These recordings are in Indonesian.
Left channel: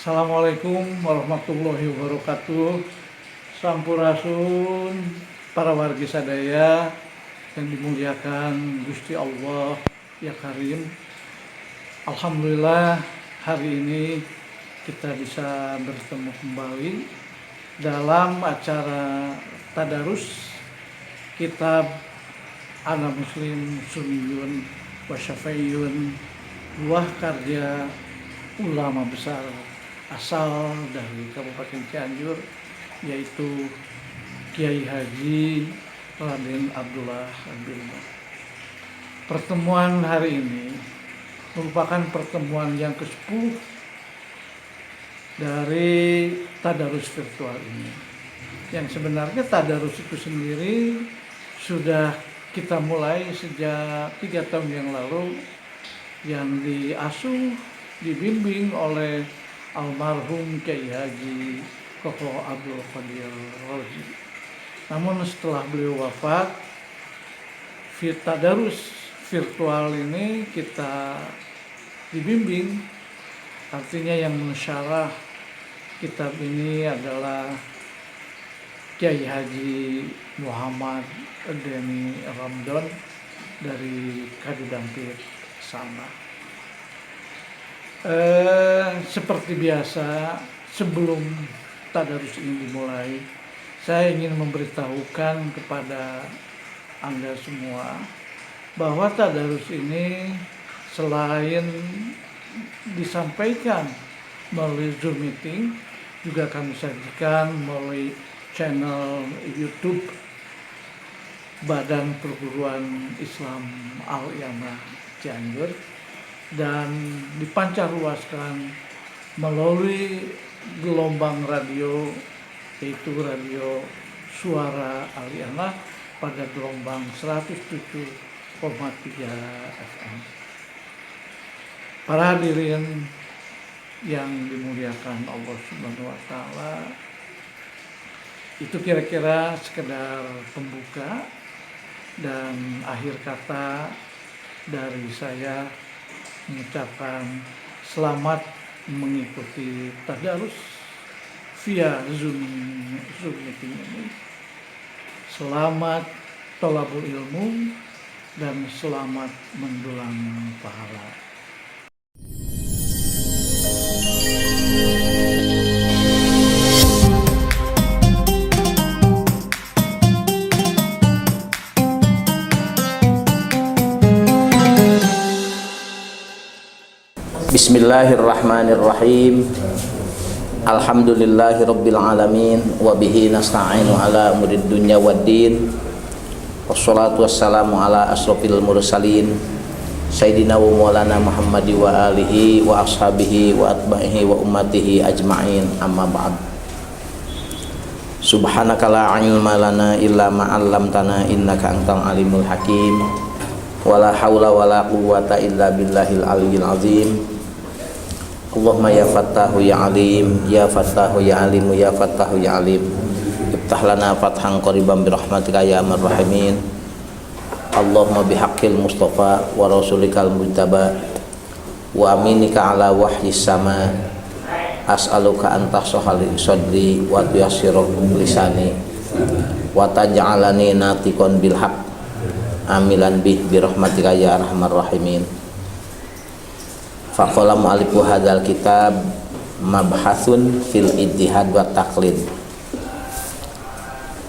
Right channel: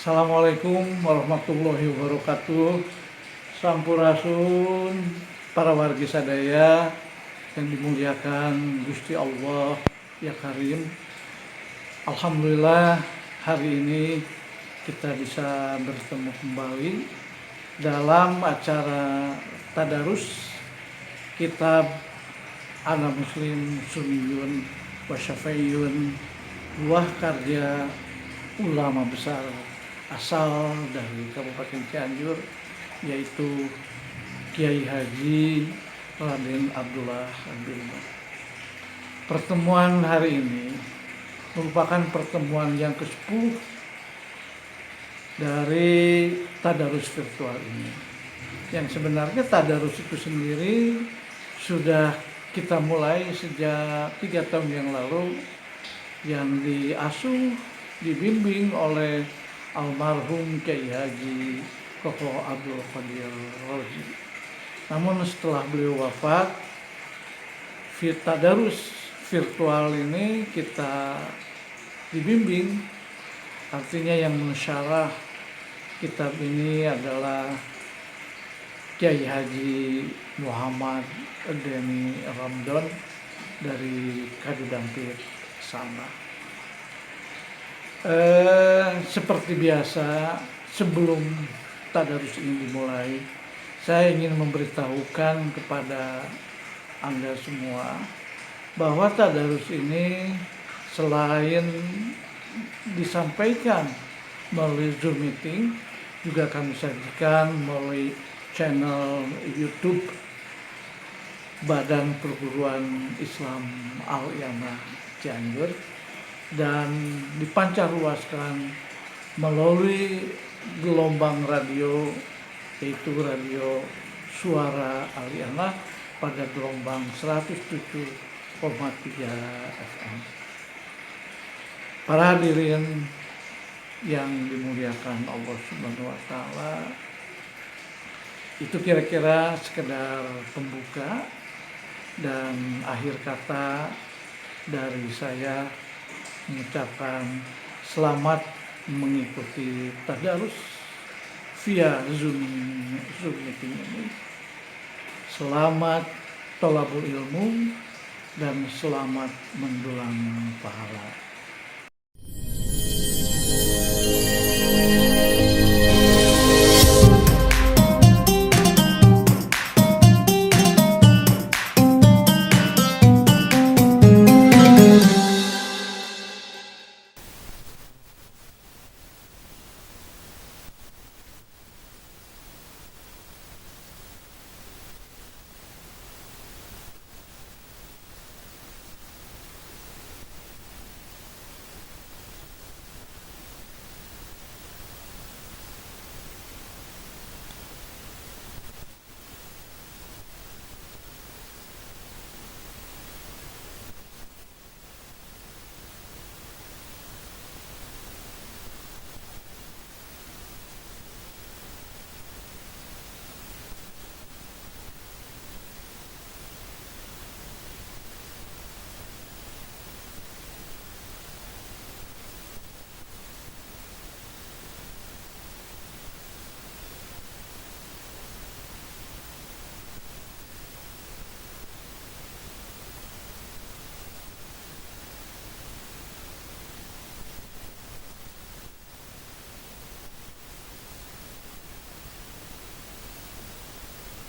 Assalamualaikum warahmatullahi wabarakatuh. Sampurasun para wargi sadaya yang dimuliakan Gusti Allah ya Karim. Alhamdulillah hari ini kita bisa bertemu kembali dalam acara tadarus kitab Ana Muslim Sunniyun wa Syafi'iyun, buah karya ulama besar asal dari Kabupaten Cianjur, yaitu Kiai Haji Raden Abdullah bin Umar. Pertemuan hari ini merupakan pertemuan yang ke-10 dari tadarus virtual ini. Yang sebenarnya tadarus itu sendiri sudah kita mulai sejak 3 tahun yang lalu, yang diasuh, dibimbing oleh almarhum Kiai Haji Koko Abdul Qadir Razi. Namun setelah beliau wafat, tadarus virtual ini kita dibimbing. Artinya yang mensyarah kitab ini adalah Kiai Haji Muhammad Deni Ramdon dari Kadudampit sana. Seperti biasa, sebelum tadarus ini dimulai, saya ingin memberitahukan kepada Anda semua bahwa tadarus ini selain disampaikan melalui Zoom meeting, juga kami sajikan melalui channel YouTube Badan Perguruan Islam Al-I'anah Cianjur, dan dipancarluaskan melalui gelombang radio, yaitu radio Suara Al-I'anah pada gelombang 107,3 FM. Para hadirin yang dimuliakan Allah Subhanahu wa Ta'ala, itu kira-kira sekedar pembuka, dan akhir kata dari saya mengucapkan selamat mengikuti tadarus via Zoom meeting ini. Selamat thalabul ilmu dan selamat mendulang pahala. Bismillahirrahmanirrahim. Alhamdulillahirabbil alamin wa bihi nasta'inu ala umurid dunya waddin. Wassalatu wassalamu ala asrofil mursalin Sayyidina wa maulana Muhammadi wa alihi wa ashabihi wa atba'ihi wa ummatihi ajma'in, amma ba'd. Subhanaka la ilma lana illa ma 'allamtana innaka antal alimul hakim. Wala haula wala quwwata illa billahil aliyyil azim. Allahumma ya fattahu ya alim, ya fattahu ya alimu, ya fattahu ya alim. Iftah lana fathan qariban birahmatika ya arhamar rahimin. Allahumma bihaqqil mustafa wa rasulikal mujtaba wa aminika ala wahyis sama, as'aluka an tahsahal sadri wa tuyassirul lisani wa taj'alani natiqan bil haqq amilan bih birahmatika ya arhamar rahimin. Faqala mu'allifu hadzal kitab mabhasun fil ittihad wa taqlid.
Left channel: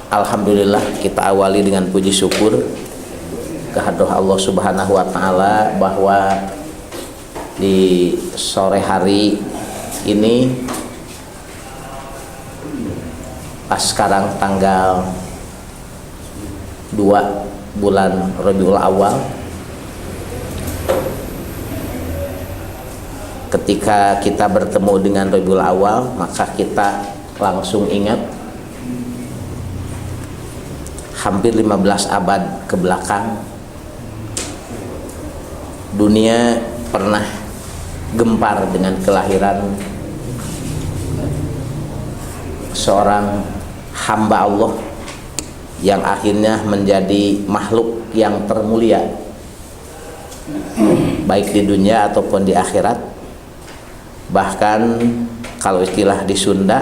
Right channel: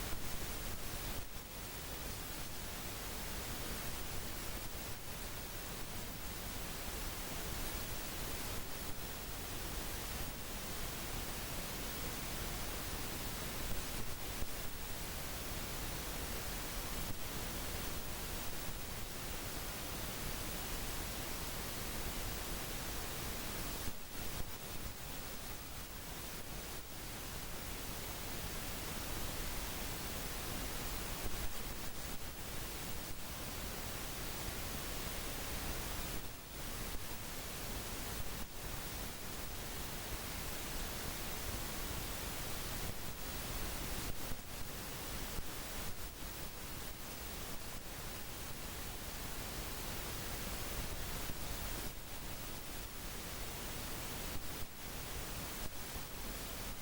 Alhamdulillah, kita awali dengan puji syukur kehadirat Allah Subhanahu wa Ta'ala bahwa di sore hari ini, pas sekarang tanggal 2 bulan Rabiul Awal, ketika kita bertemu dengan Rabiul Awal, maka kita langsung ingat hampir 15 abad ke belakang dunia pernah gempar dengan kelahiran seorang hamba Allah yang akhirnya menjadi makhluk yang termulia baik di dunia ataupun di akhirat. Bahkan kalau istilah di Sunda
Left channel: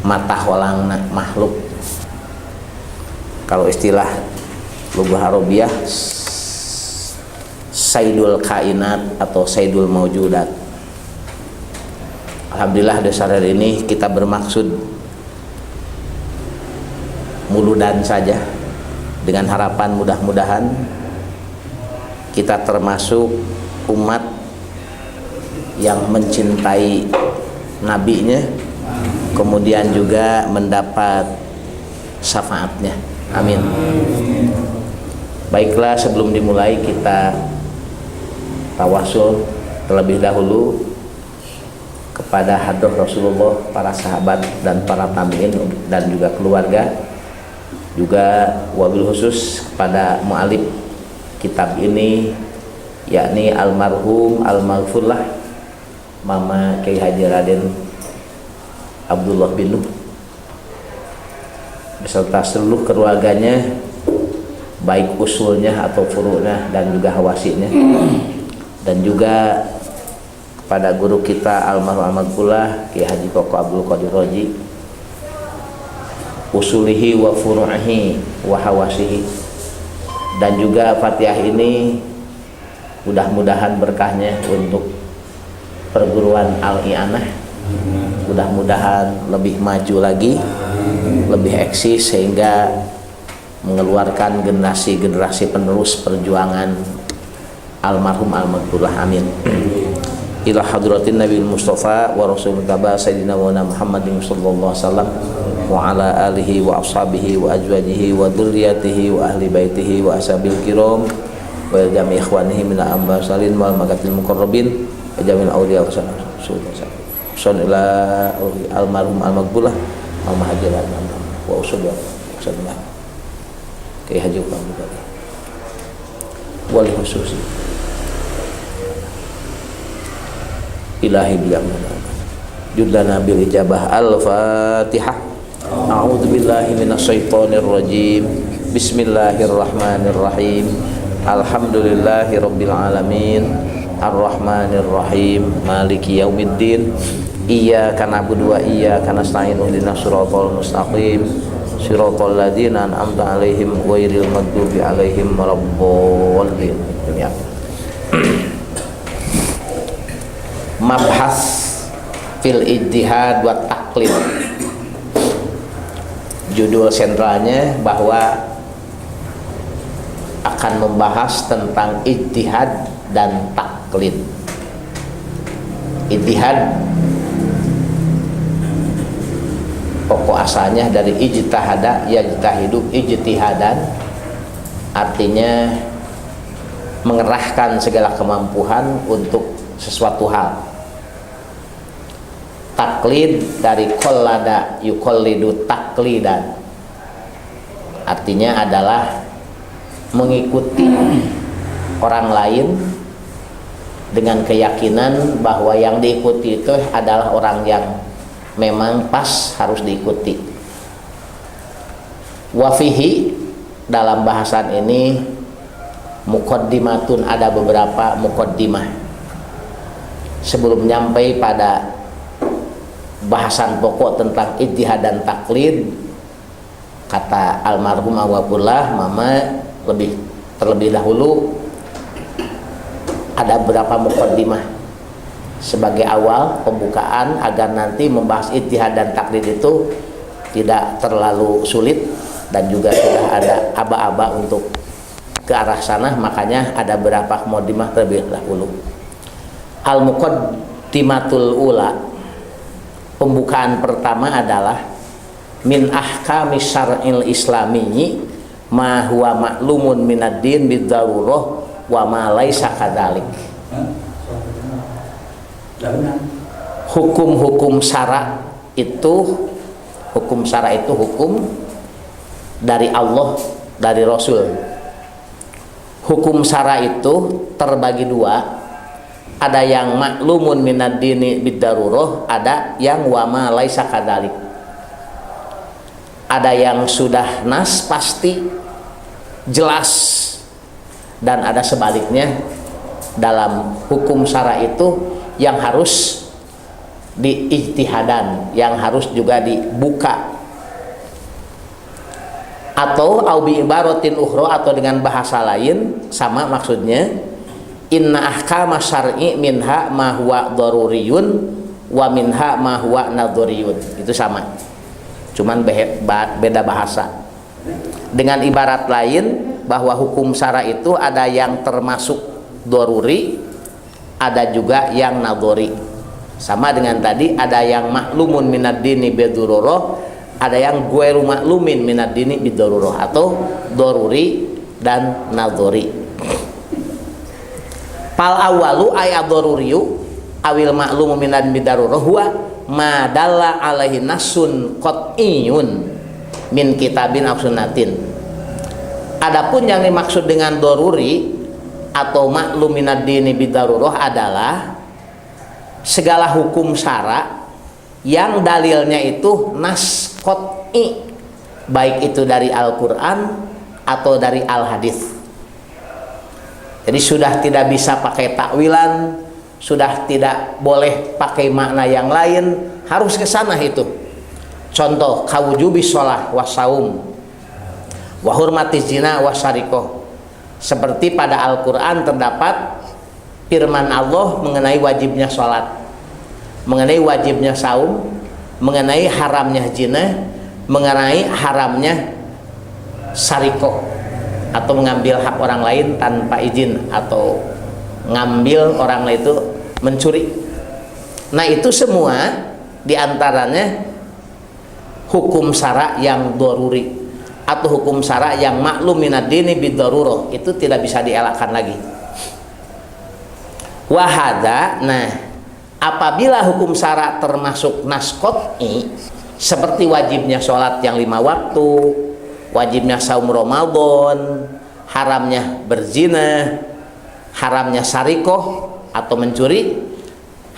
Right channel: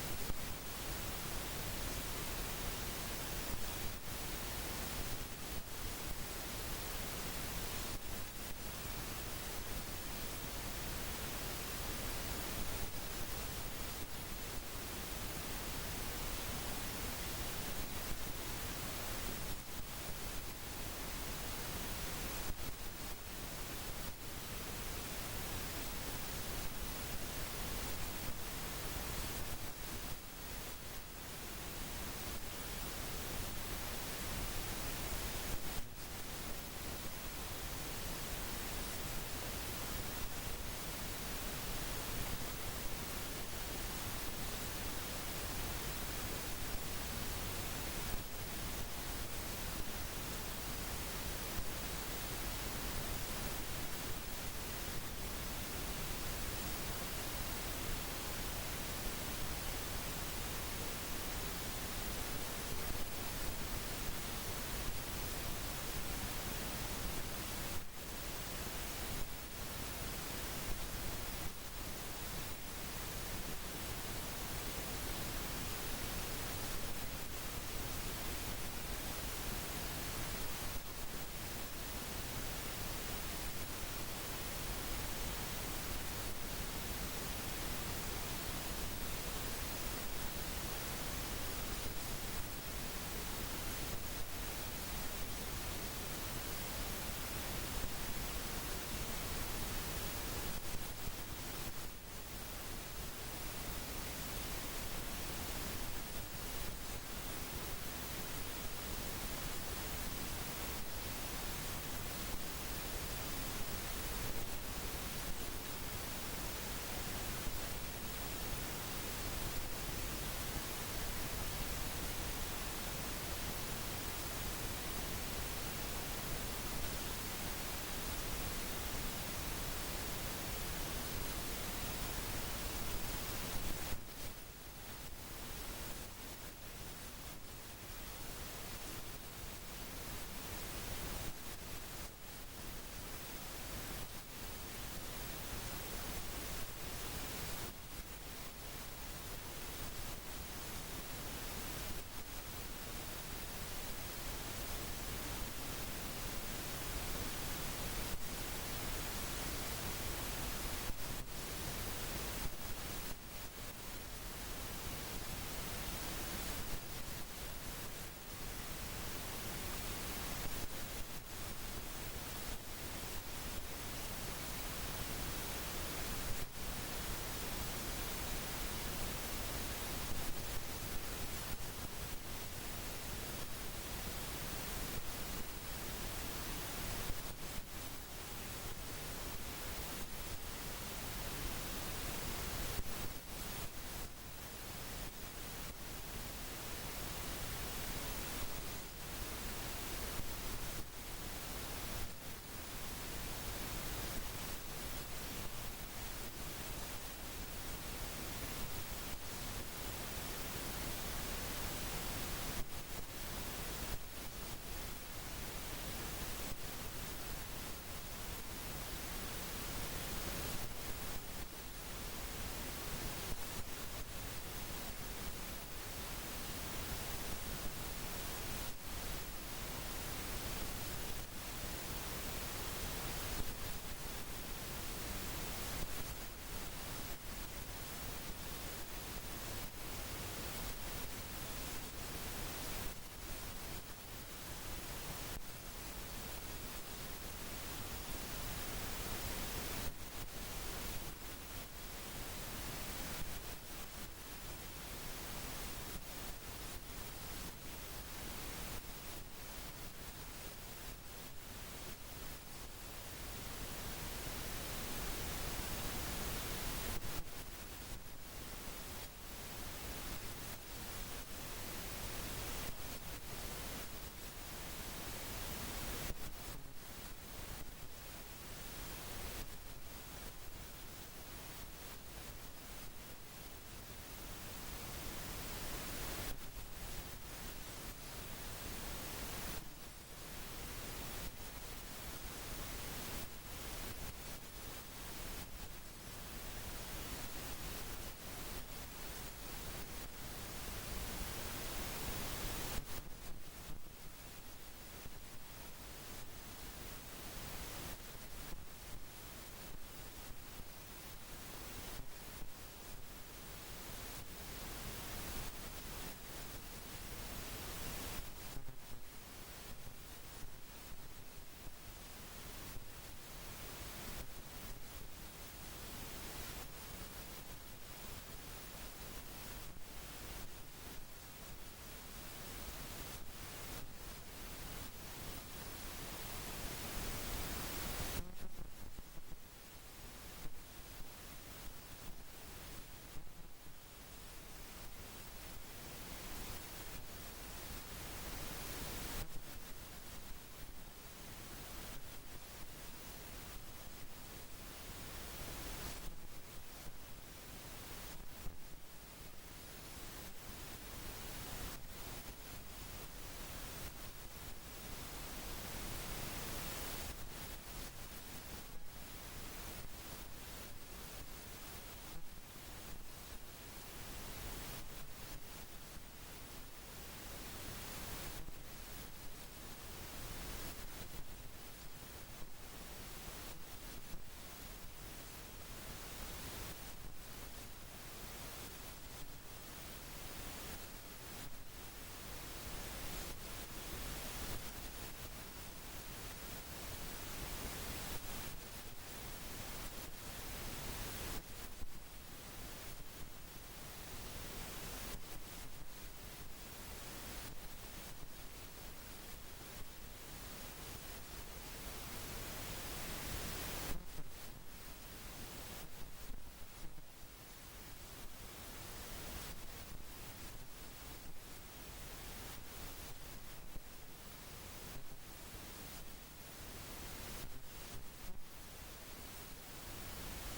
mata holangna makhluk, kalau istilah lughah Arabiyah saidul kainat atau saidul maujudat. Alhamdulillah dasar hari ini kita bermaksud muludan saja, dengan harapan mudah-mudahan kita termasuk umat yang mencintai nabinya, kemudian juga mendapat syafaatnya. Amin. Baiklah, sebelum dimulai kita tawasul terlebih dahulu kepada hadrah Rasulullah, para sahabat dan para tabi'in dan juga keluarga, juga wabil khusus kepada mu'alif kitab ini, yakni almarhum al-maghfurlah Mama Kiai Haji Raden Abdullah bin Nuh beserta seluruh keluarganya, baik usulnya atau furu'nya dan juga hawasinya, dan juga pada guru kita almarhum al-maghfurlah Kiai Haji Koko Abdul Qadir Roji, usulihi wa furu'ihi wa hawasihi. Dan juga Fatihah ini mudah-mudahan berkahnya untuk perguruan Al-I'anah, mudah-mudahan lebih maju lagi, lebih eksis, sehingga mengeluarkan generasi-generasi penerus perjuangan almarhum al-maghfurlah. Amin. Ila hadratin Nabi Mustafa wa Rasul Mustafa Sayyidina wa Muhammadin sallallahu alaihi wasallam wa ala alihi wa ashabihi wa azwajihi wa dzurriyyatihi wa ahli baitihi wa ashabil kiram wa jami' ikhwanihi min al-amsalin wal makatil muqarrabin wa jami'il awliya wa sallallahu ila almarhum al-maghfurlah Mama Haji Raden wa usul sallallahu Kiai Haji Muhammad wal khususi ilahi bilang judlana bil ijabah. Al-Fatihah. A'udzu billahi minasyaitonir rajim. Bismillahirrahmanirrahim. Alhamdulillahi rabbil alamin. Arrahmanir rahim. Maliki yaumiddin. Iyyaka na'budu wa iyyaka nasta'in. Ihdinas siratal mustaqim. Siratal ladzina an'amta 'alaihim ghairil maghdubi 'alaihim waladdallin. Ya. Mabhas fil ijtihad wa taqlid. Judul sentralnya bahwa akan membahas tentang ijtihad dan taklid. Ijtihad pokok asalnya dari ijtihada yajtahidu ijtihadan, artinya mengerahkan segala kemampuan untuk sesuatu hal. Taklid dari qallada yuqallidu taklidan, artinya adalah mengikuti orang lain dengan keyakinan bahwa yang diikuti itu adalah orang yang memang pas harus diikuti. Wafihi, dalam bahasan ini muqaddimatun, ada beberapa muqaddimah sebelum nyampai pada bahasan pokok tentang ijtihad dan taklid. Kata almarhum al-maghfurlah Mama terlebih dahulu ada beberapa muqaddimah sebagai awal pembukaan agar nanti membahas ijtihad dan taklid itu tidak terlalu sulit dan juga sudah ada aba-aba untuk ke arah sana. Makanya ada beberapa muqaddimah terlebih dahulu. Al-muqaddimatul ula, pembukaan pertama adalah min ahkami syar'il islamiyyi ma huwa ma'lumun minad din bidzarurah wa ma laisa kadzalik. Hukum-hukum syara itu hukum dari Allah, dari Rasul. Hukum syara itu terbagi dua. Ada yang maklumun minad dini bidarurah, ada yang wama laisa kadzalik. Ada yang sudah nas pasti jelas, dan ada sebaliknya dalam hukum syara itu yang harus diijtihadan, yang harus juga dibuka. Atau bi ibaratin ukhra, atau dengan bahasa lain sama maksudnya, inna ahkama syar'i minha ma huwa daruriyun wa minha ma huwa nadhuriyun. Itu sama, cuman beda bahasa. Dengan ibarat lain bahwa hukum syara itu ada yang termasuk daruri, ada juga yang nadhuri. Sama dengan tadi, ada yang maklumun minad dini bidururah, ada yang ghairu maklumin minad dini bidururah, atau daruri dan nadhuri. Fal awalu ay ad-daruriyu awil ma'lumu minad bidarurah huwa ma dalla alaihi nasun qat'iyun min kitabin aw sunnatin. Adapun yang dimaksud dengan daruri atau maklum minad dini bidarurah adalah segala hukum syara yang dalilnya itu nas qat'i, baik itu dari Al-Qur'an atau dari Al-Hadis. Jadi sudah tidak bisa pakai takwilan, sudah tidak boleh pakai makna yang lain, harus ke sana itu. Contoh, kawujubi sholah wasaum wa hurmati zina wasarikoh. Seperti pada Al-Quran terdapat firman Allah mengenai wajibnya sholat, mengenai wajibnya saum, mengenai haramnya zina, mengenai haramnya sarikoh, atau mengambil hak orang lain tanpa izin, atau ngambil orang lain itu mencuri. Nah itu semua diantaranya hukum syara yang daruri atau hukum syara yang maklum minad dini bidarurah, itu tidak bisa dielakkan lagi. Wahada, nah apabila hukum syara termasuk nas qat'i, seperti wajibnya sholat yang 5 waktu, wajibnya saum Ramadan, haramnya berzina, haramnya sarikoh atau mencuri,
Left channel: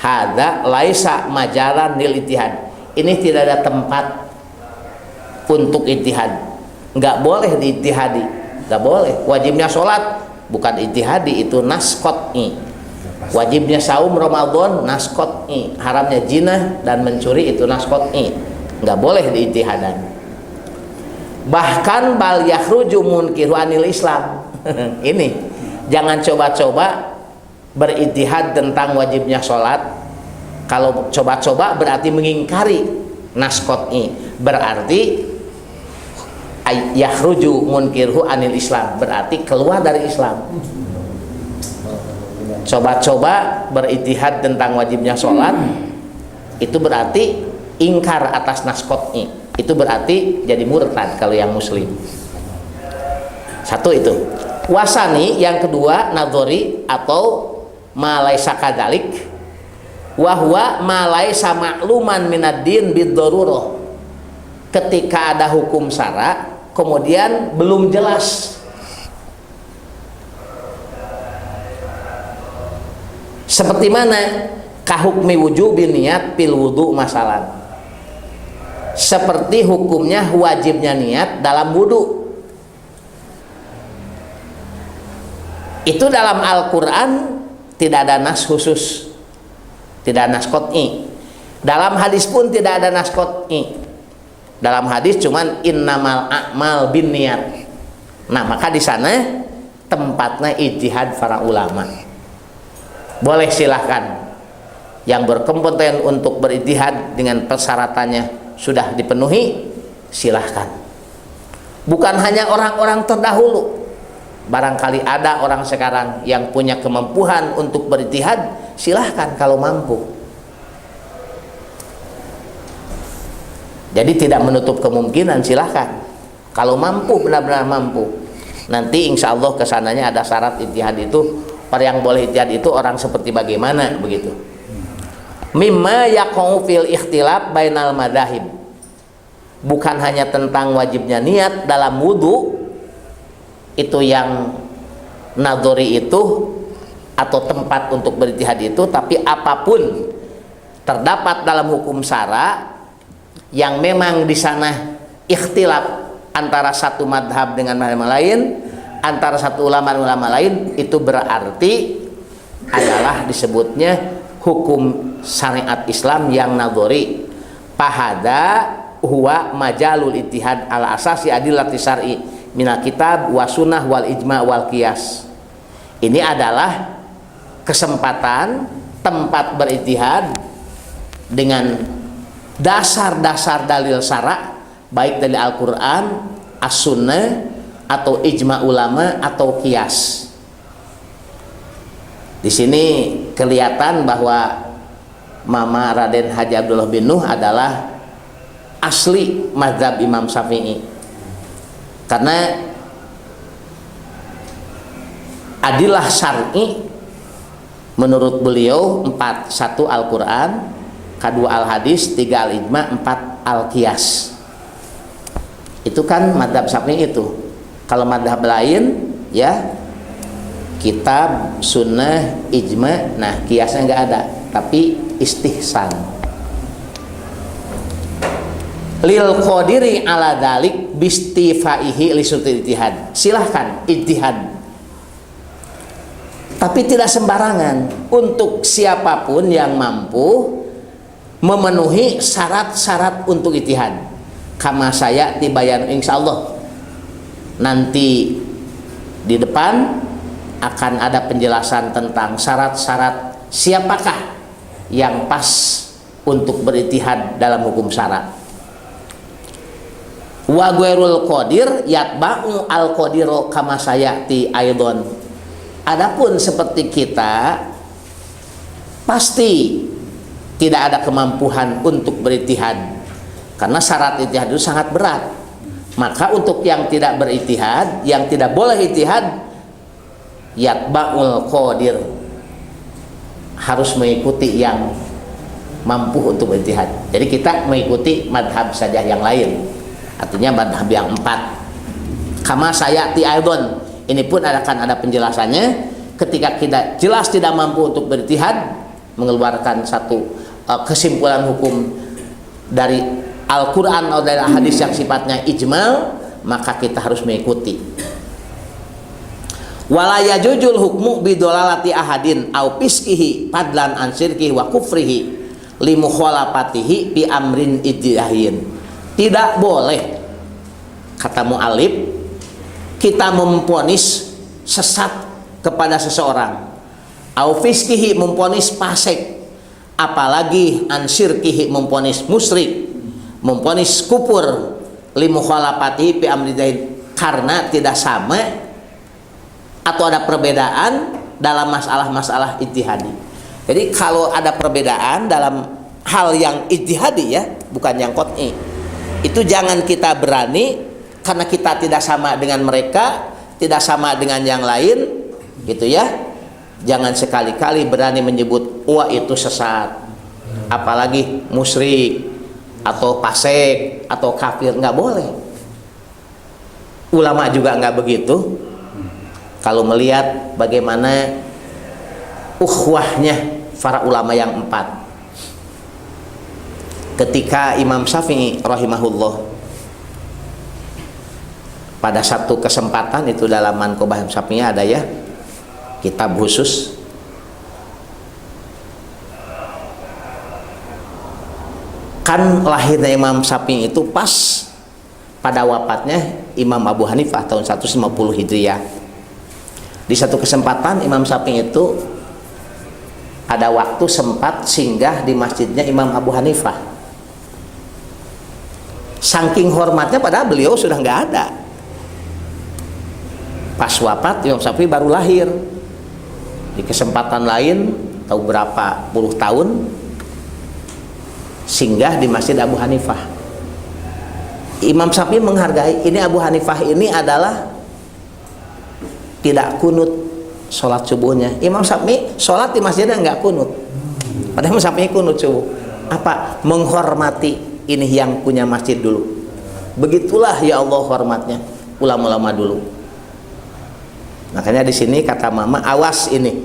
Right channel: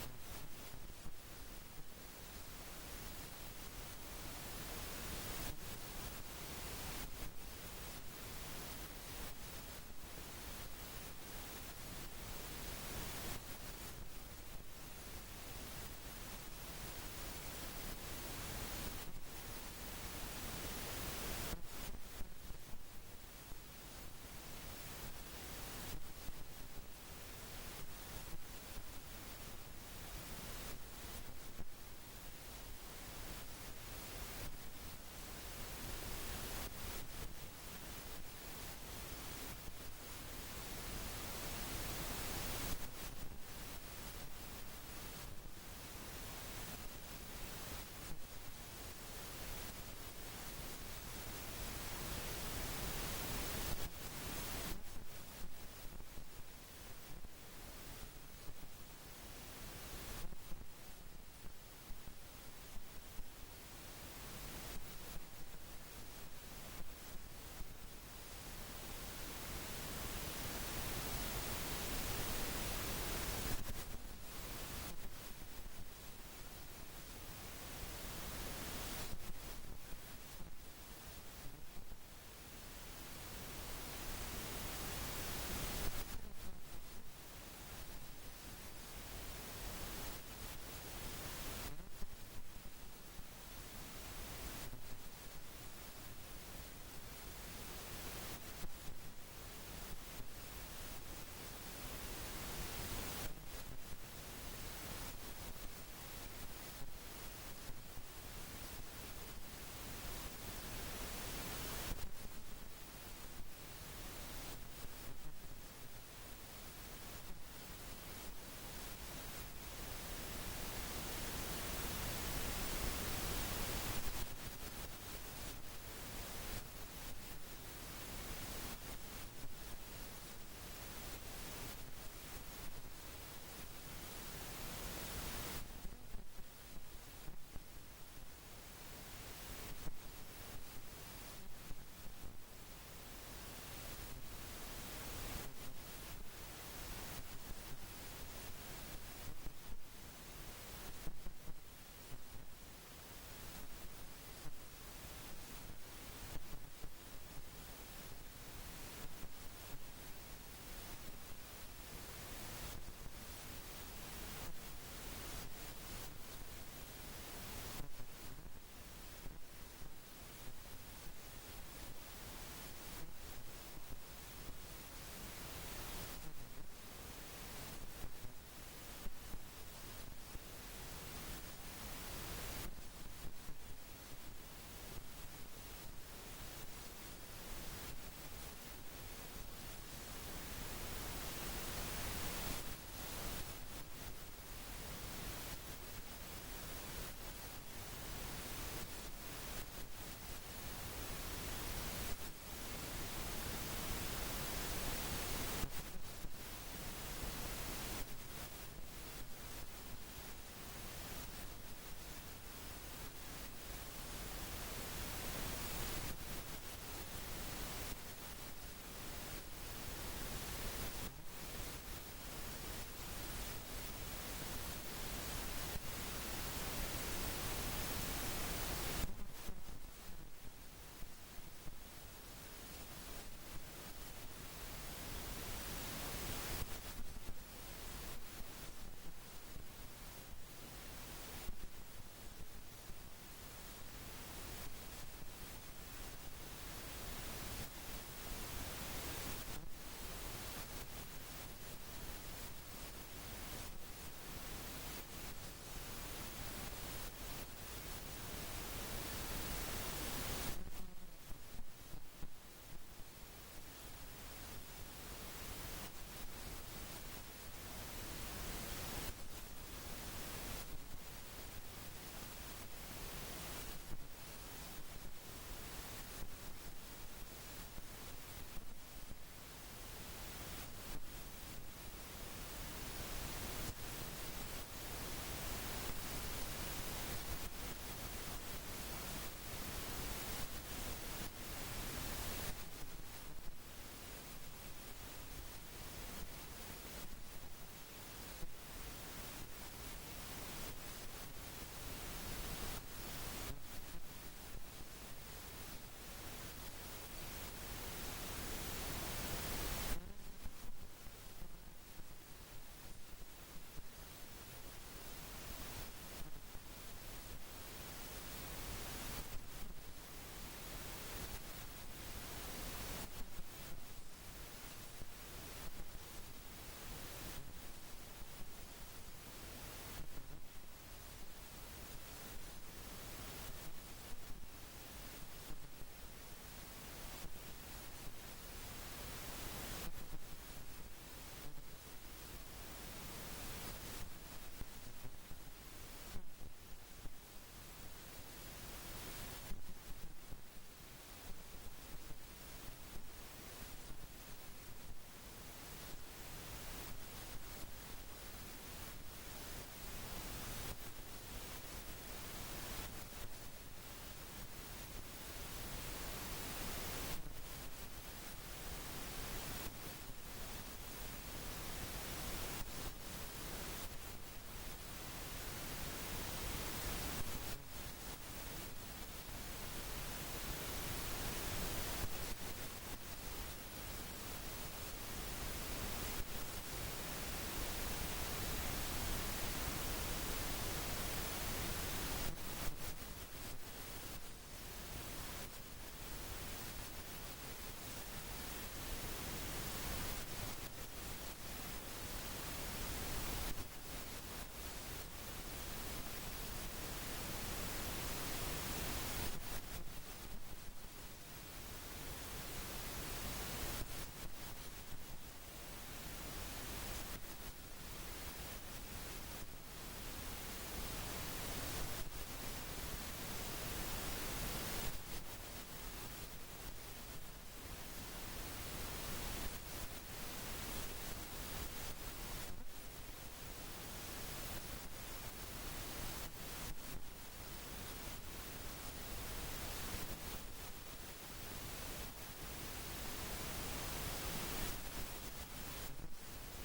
hada laisa majalan lil ijtihad. Ini tidak ada tempat untuk ijtihad, nggak boleh diijtihadi, nggak boleh. Wajibnya sholat bukan ijtihadi, itu nas qat'i. Wajibnya saum Ramadan nas qat'i, haramnya zina dan mencuri itu nas qat'i, nggak boleh diijtihadan. Bahkan bal yakhruju munkiru anil Islam. Ini jangan coba-coba berijtihad tentang wajibnya sholat. Kalau coba-coba berarti mengingkari nas qat'i, berarti yakhruju munkirhu anil Islam, berarti keluar dari Islam. Coba-coba berijtihad tentang wajibnya sholat, itu berarti ingkar atas nas qat'i, itu berarti jadi murtad kalau yang muslim. Satu itu. Wasani yang kedua nadhori atau malaisa kadzalik, wa huwa malaisa ma'luman minad din bid-darurah. Ketika ada hukum syara kemudian belum jelas, seperti mana kahukmi wujubi niat pil wudu masalan, seperti hukumnya wajibnya niat dalam wudu. Itu dalam Al-Quran tidak ada nas khusus, tidak ada nas qat'i. Dalam hadis pun tidak ada nas qat'i. Dalam hadis cuman innamal a'mal bin niat. Nah maka di sana tempatnya ijtihad para ulama. Boleh silahkan, yang berkompeten untuk berijtihad dengan persyaratannya sudah dipenuhi, silahkan. Bukan hanya orang-orang terdahulu, barangkali ada orang sekarang yang punya kemampuan untuk berijtihad, silahkan kalau mampu. Jadi tidak menutup kemungkinan, silahkan kalau mampu, benar-benar mampu. Nanti insya Allah kesananya ada syarat ijtihad itu. Orang yang boleh ijtihad itu orang seperti bagaimana, begitu. Mimma yaqau fil ikhtilaf bainal madzahib, bukan hanya tentang wajibnya niat dalam wudu, itu yang nadhori itu atau tempat untuk berijtihad itu, tapi apapun terdapat dalam hukum syara yang memang di sana ikhtilaf antara satu madhab dengan madhab lain, antara satu ulama lain, itu berarti adalah disebutnya hukum syariat Islam yang nadhari. Fahada huwa majalul ijtihad ala asasi adillati syar'i minal kitab wa sunnah wal ijma' wal qiyas. Ini adalah kesempatan tempat berijtihad dengan dasar-dasar dalil syara' baik dari Al-Qur'an, As-Sunnah atau ijma' ulama atau qiyas. Di sini kelihatan bahwa Mama Raden Haji Abdullah bin Nuh adalah asli mazhab Imam Syafi'i. Karena adilah syar'i menurut beliau 4, 1 Al-Quran, 2 Al-Hadis, 3 Al-Ijma', 4 Al-Qiyas. Itu kan mazhab Syafi'i itu. Kalau mazhab lain ya kitab, sunnah, ijma', nah qiyasnya nggak ada, tapi istihsan. Lil qadiri ala dalik bistifaihi li sutil ijtihad. Silahkan ijtihad. Tapi tidak sembarangan, untuk siapapun yang mampu memenuhi syarat-syarat untuk ijtihad. Kama saya tibayan insyaallah. Nanti di depan akan ada penjelasan tentang syarat-syarat siapakah yang pas untuk berijtihad dalam hukum syara'. Wa ghairul qadir yatba'u al qadiru kama sayati aidon. Adapun seperti kita pasti tidak ada kemampuan untuk berijtihad karena syarat ijtihad itu sangat berat. Maka untuk yang tidak berijtihad, yang tidak boleh ijtihad, yatba'ul qadir, harus mengikuti yang mampu untuk berijtihad. Jadi kita mengikuti madhab saja yang lain, artinya madhab yang 4. Kama sayati aidon, ini pun akan ada penjelasannya. Ketika kita jelas tidak mampu untuk berijtihad, mengeluarkan satu kesimpulan hukum dari Al-Quran atau dari hadis yang sifatnya ijmal, maka kita harus mengikuti. Wala yajuzul hukmu bidolalati ahadin au piskihi padlan an syirkihi wa kufrihi li mukhalafatihi bi amrin ijtihahin. Tidak boleh, kata mu'alif, kita memponis sesat kepada seseorang, au fiskihi memponis fasik, apalagi an syirkihi memponis musyrik, memponis kufur, li mukhalafatihi bi amrin ijtihahin, karena tidak sama atau ada perbedaan dalam masalah-masalah ijtihadi. Jadi kalau ada perbedaan dalam hal yang ijtihadi ya, bukan yang qat'i, itu jangan kita berani karena kita tidak sama dengan mereka, tidak sama dengan yang lain, gitu ya. Jangan sekali-kali berani menyebut wah itu sesat, apalagi musyrik atau fasik atau kafir, nggak boleh. Ulama juga nggak begitu. Kalau melihat bagaimana ukhwahnya para ulama yang 4, ketika Imam Syafi'i rahimahullah pada satu kesempatan, itu dalam Manqobah Syafi'i ada ya kitab khusus, kan lahirnya Imam Syafi'i itu pas pada wafatnya Imam Abu Hanifah tahun 150 Hijriah. Di satu kesempatan Imam Syafi'i itu ada waktu sempat singgah di masjidnya Imam Abu Hanifah. Saking hormatnya, padahal beliau sudah nggak ada. Pas wafat Imam Syafi'i baru lahir. Di kesempatan lain tahu berapa puluh tahun singgah di masjid Abu Hanifah. Imam Syafi'i menghargai, ini Abu Hanifah ini adalah tidak kunut sholat subuhnya. Imam Syafi'i sholat di masjidnya nggak kunut, padahal Imam Syafi'i kunut subuh. Apa? Menghormati ini yang punya masjid dulu. Begitulah ya Allah hormatnya ulama-ulama dulu. Makanya di sini kata Mama, awas ini,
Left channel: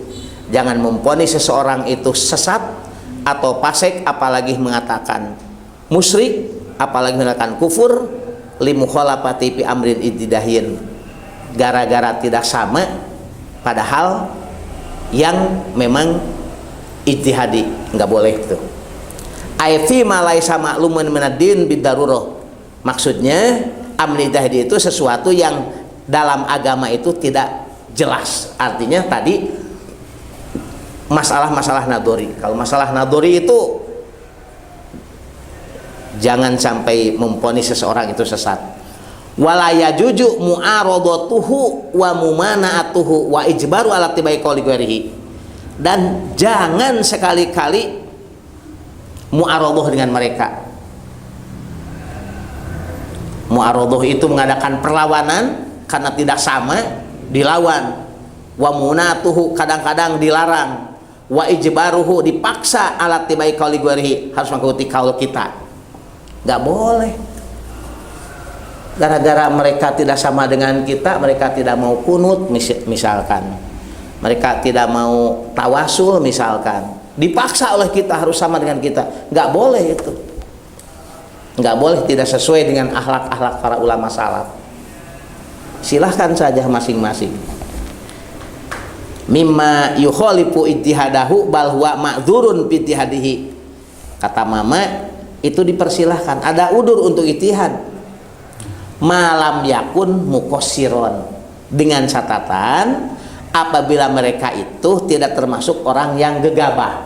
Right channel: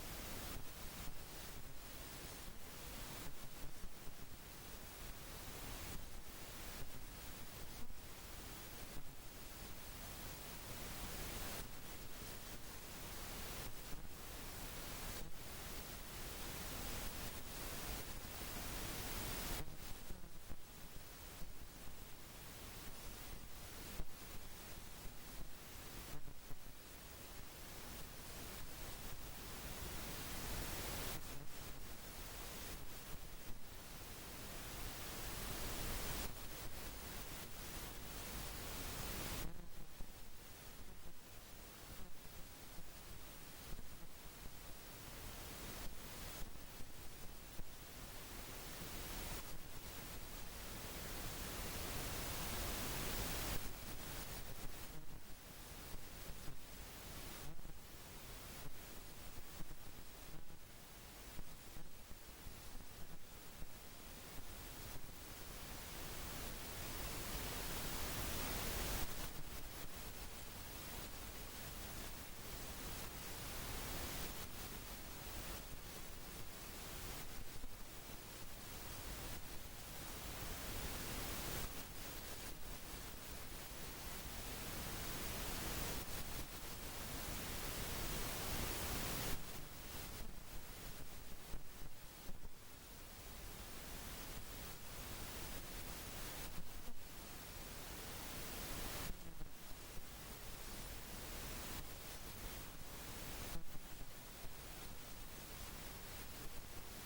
jangan memponis seseorang itu sesat atau fasik, apalagi mengatakan musyrik, apalagi mengatakan kufur, li mukhalafati fi amrin ijtihahin, gara-gara tidak sama, padahal yang memang ijtihadi, nggak boleh itu. Aifi malai sama lumen menadin bidarurah. Maksudnya amri ijtihadi itu sesuatu yang dalam agama itu tidak jelas. Artinya tadi masalah-masalah nadori. Kalau masalah nadori itu jangan sampai memponis seseorang itu sesat. Wala yajuju mu'aradatuhu wa mumana'atuhu wa ijbaru ala tibai qouli ghairihi. Dan jangan sekali-kali mu'aradhah dengan mereka. Mu'aradhah itu mengadakan perlawanan karena tidak sama, dilawan. Wa munatuhu kadang-kadang dilarang. Wa ijbaruhu dipaksa ala tibai qauli ghairihi, harus mengikuti kaul kita. Enggak boleh. Gara-gara mereka tidak sama dengan kita, mereka tidak mau kunut misalkan. Mereka tidak mau tawasul misalkan. Dipaksa oleh kita harus sama dengan kita. Enggak boleh itu. Enggak boleh, tidak sesuai dengan akhlak-akhlak para ulama salaf. Silahkan saja masing-masing. Mimma yukhalifu ijtihadahu bal huwa ma'dzurun bi ijtihadihi. Kata mama, itu dipersilahkan, ada udur untuk ijtihad. Malam yakun muqassiron, dengan catatan apabila mereka itu tidak termasuk orang yang gegabah.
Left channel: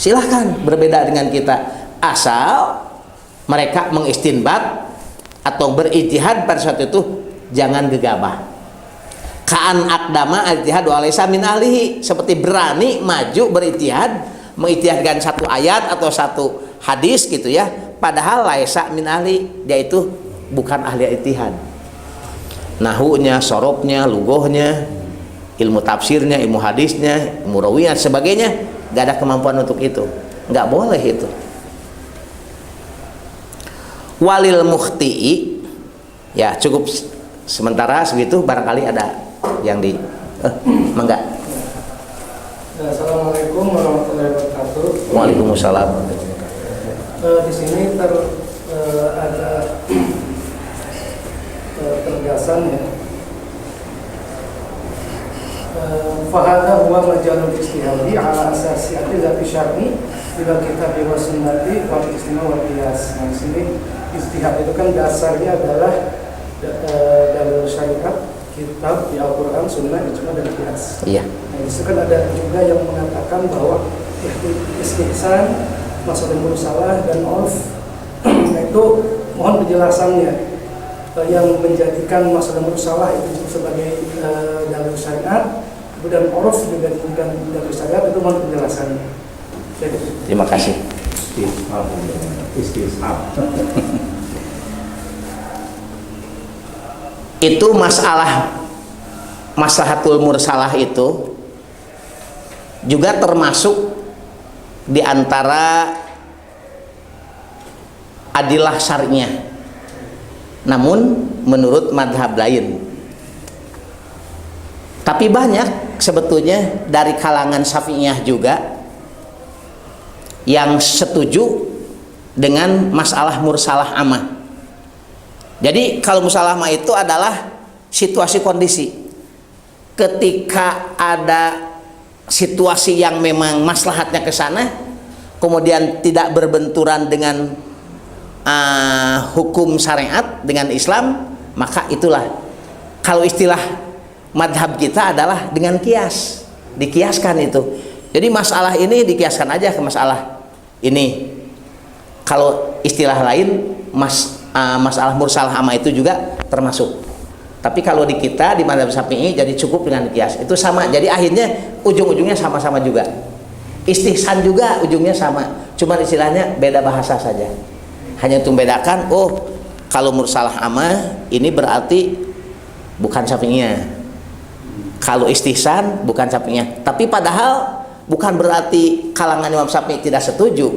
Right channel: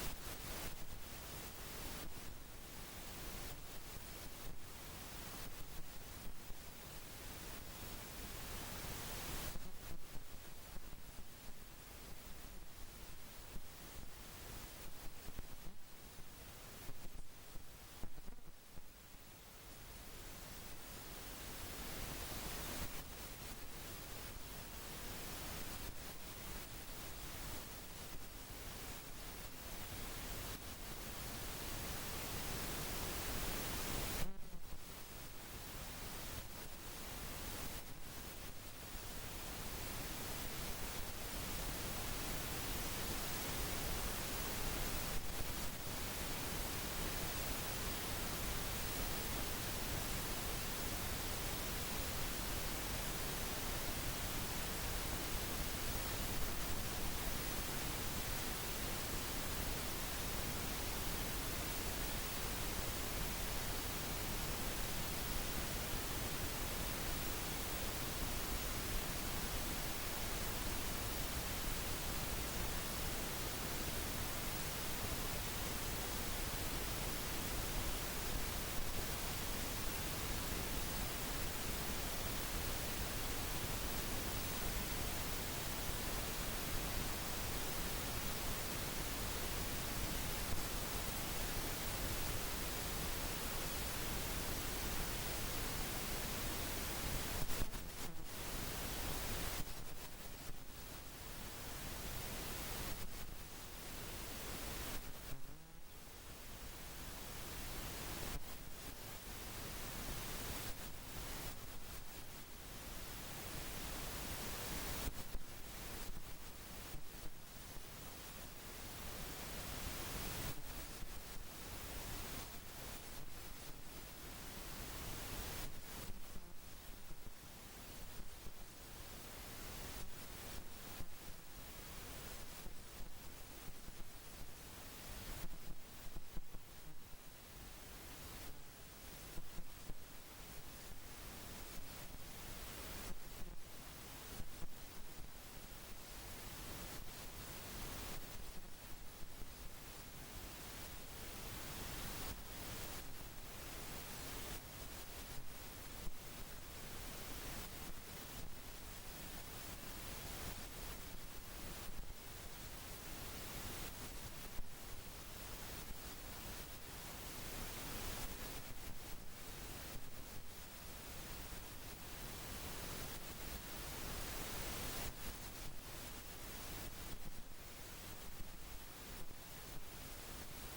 Silahkan berbeda dengan kita, asal mereka mengistinbat atau berijtihad pada saat itu jangan gegabah. Ka'an aqdama ijtihad wa laysa min ahlihi, seperti berani maju berijtihad, mengijtihadkan satu ayat atau satu hadis gitu ya, padahal laysa min ahli, dia itu bukan ahli ijtihad. Nahunya, sorobnya, lugohnya, ilmu tafsirnya, ilmu hadisnya, ilmu rawiyah sebagainya, gak ada kemampuan untuk itu, nggak boleh itu. Walil mukhti'i, ya cukup sementara segitu, barangkali ada yang di mangga. Assalamualaikum warahmatullahi wabarakatuh. Waalaikumsalam. Di sini ada penegasan ya. Fahada huwa majalul ijtihadi ala asasi adillati syar'i ila kitab wa sunnati wal istimah wal qiyas. Nah, di sini ijtihad itu kan dasarnya adalah dalil syariat, kitab di Al-Qur'an, sunnah, ijma dan qiyas. Iya. Nah, itu kan ada juga yang mengatakan bahwa istihsan, masalah mursalah dan urf itu mohon penjelasannya. Yang menjadikan masalah mursalah itu sebagai dalil syariat, kemudian urf juga dijadikan dalil syariat, itu mohon penjelasannya. Jadi, Terima kasih. Itu masalah maslahatul mursalah itu juga termasuk di antara adilah syar'iyah. Namun menurut madhab lain. Tapi banyak sebetulnya dari kalangan Syafi'iyah juga yang setuju dengan masalah mursalah amah. Jadi kalau mursalah amah itu adalah situasi kondisi. Ketika ada situasi yang memang maslahatnya ke sana, kemudian tidak berbenturan dengan hukum syariat, dengan Islam, maka itulah kalau istilah madhab kita adalah dengan kias, dikiaskan itu. Jadi masalah ini dikiaskan aja ke masalah ini. Kalau istilah lain masalah mursalah amah itu juga termasuk. Tapi kalau di kita di madhab Syafi'i jadi cukup dengan kias, itu sama. Jadi akhirnya ujung-ujungnya sama-sama juga. Istihsan juga ujungnya sama, cuma istilahnya beda bahasa saja. Hanya untuk membedakan, oh kalau mursalah amah ini berarti bukan Syafi'iyah. Kalau istihsan bukan Syafi'iyah. Tapi padahal bukan berarti kalangan Imam Syafi'i tidak setuju.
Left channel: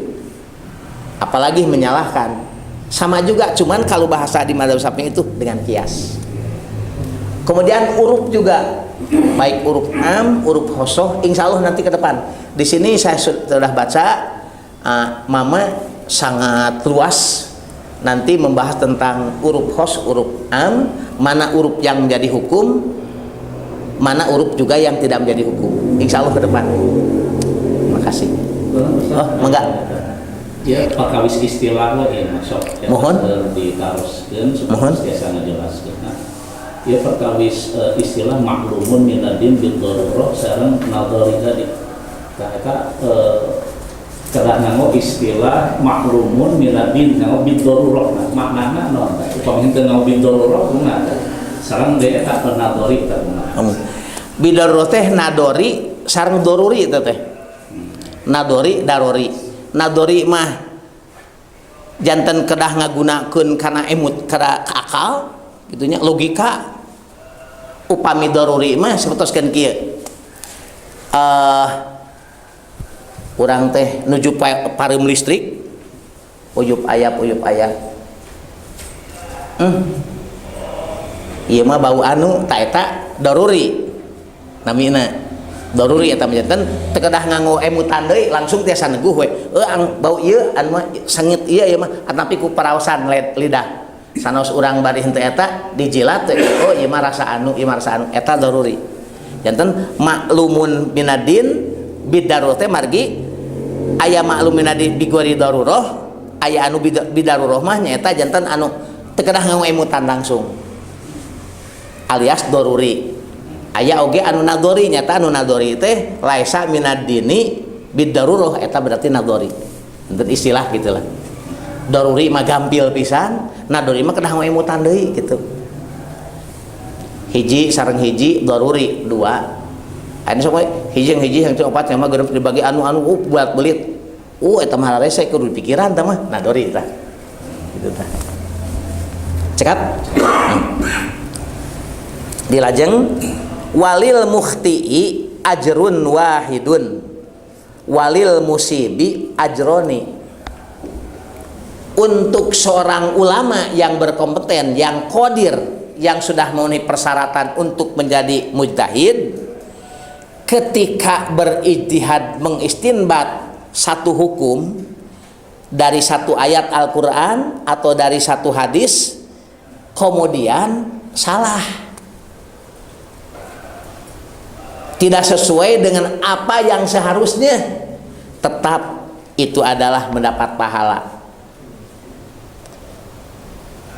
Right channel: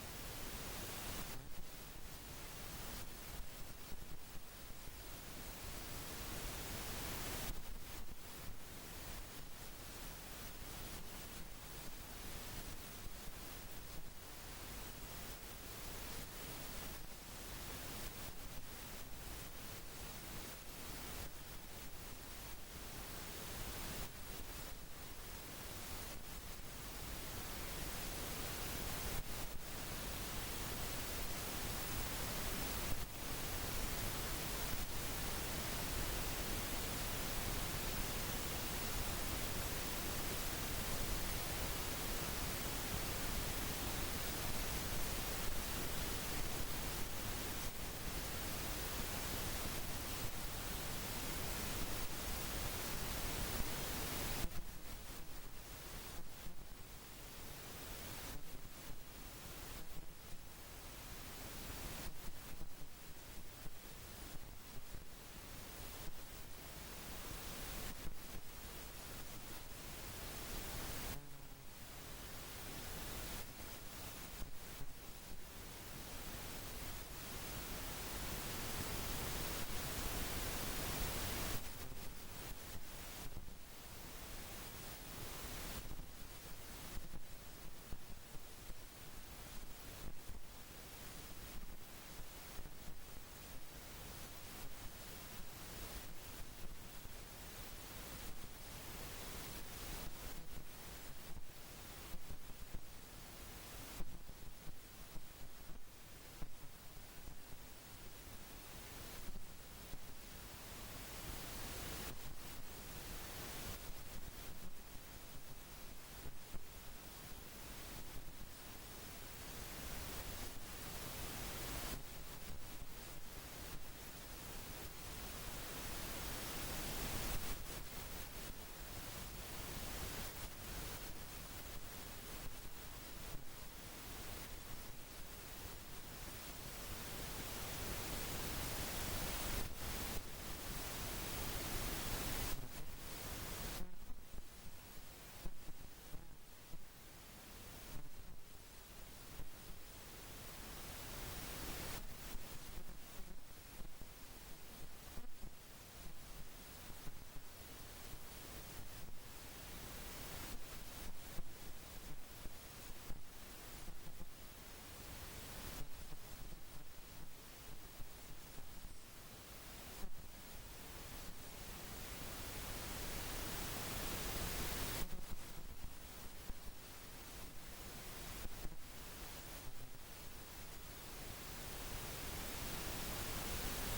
Apalagi menyalahkan. Sama juga, cuman kalau bahasa di madhab Syafi'i itu dengan kias. Kemudian uruf juga, baik uruf am, uruf khosoh, insya Allah nanti ke depan. Di sini saya sudah baca, mama sangat luas nanti membahas tentang uruf khos, uruf am, mana uruf yang menjadi hukum, mana huruf juga yang tidak menjadi hukum. Insya Allah ke depan. Makasih. Oh, enggak. Ya, pakawis istilah lagi masuk. Mohon. Ditaruskan Mohon. supaya biasa ngajelaskeun. Nah, ya pakawis istilah maklumun minadin bil darurah sareng nadhari tadi. Eta kada nganggo istilah maklumun minadin nganggo bil darurah. Maknana naon teh? Upami teu nganggo bil darurah kumaha? Sareng deui eta nadhari teh. Bidarurah teh nadori sareng doruri itu teh. Nadori darori. Nadori mah janten kedah ngagunakeun kana emut kada akal gitunya logika. Upami daruri mah sebetoskeun kieu. Urang teh nuju pareum listrik uyup aya. Ieu mah bau anu ta eta daruri. Namina daruri eta menjadikan tekedah nganggo emutan deui langsung tiasa neguh we ang bau ieu anu mah sengit ieu mah tapi ku paraosan lidah sanos urang bari henteu eta dijilat oh ieu mah rasa anu eta daruri janten maklumun minadin bidarurah teh margi aya maklum minadin bigori darurah aya anu bidarurah mah nyaeta janten anu tekedah nganggo emutan langsung alias daruri. Aya oge anu nadori nyata anu nadori teh laisa minadini bidarurah eta berarti nadori. Untuk istilah gitulah. Daruri mah gampil pisan, nadori mah kedah emutan deui gitu. Hiji sareng hiji daruri dua. Anu sok hiji yang opat mah geureup dibagi anu buat belit. Eta mah rese kudu pikiran tah mah nadori tah. Gitu tah. Cekat. Dilajeng walil mukhti'i ajrun wahidun walil musibi ajroni. Untuk seorang ulama yang berkompeten, yang qadir, yang sudah memenuhi persyaratan untuk menjadi mujtahid, ketika berijtihad mengistinbat satu hukum dari satu ayat Al-Qur'an atau dari satu hadis kemudian salah, tidak sesuai dengan apa yang seharusnya, tetap itu adalah mendapat pahala.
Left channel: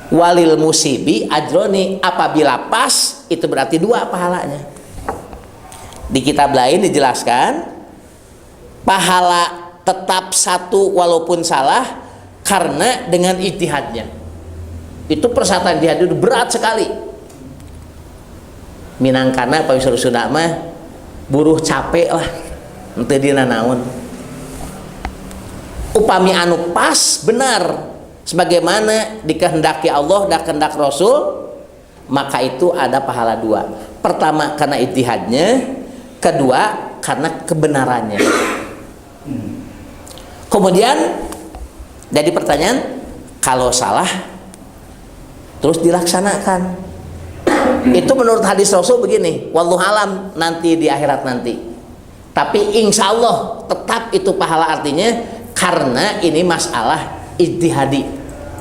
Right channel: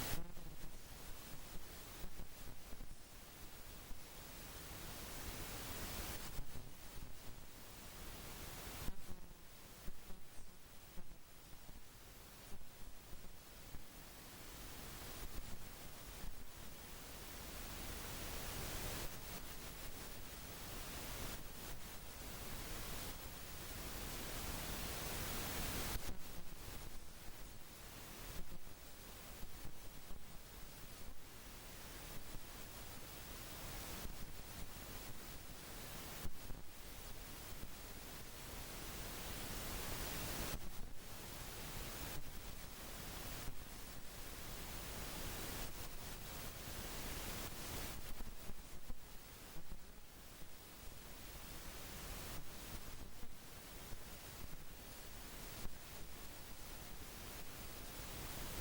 Walil musibi ajroni, apabila pas itu berarti dua pahalanya. Di kitab lain dijelaskan pahala tetap satu walaupun salah karena dengan ijtihadnya. Itu persyaratan ijtihad itu berat sekali. Minangkana Pak Wisnu mah buruh capek lah ente dina naon upami anu pas benar sebagaimana dikehendaki Allah dan kehendak Rasul, maka itu ada pahala dua. Pertama karena ijtihadnya, kedua karena kebenarannya. Kemudian jadi pertanyaan, kalau salah terus dilaksanakan, itu menurut hadis Rasul begini, wallahu alam nanti di akhirat nanti. Tapi insya Allah tetap itu pahala, artinya karena ini masalah ijtihadi,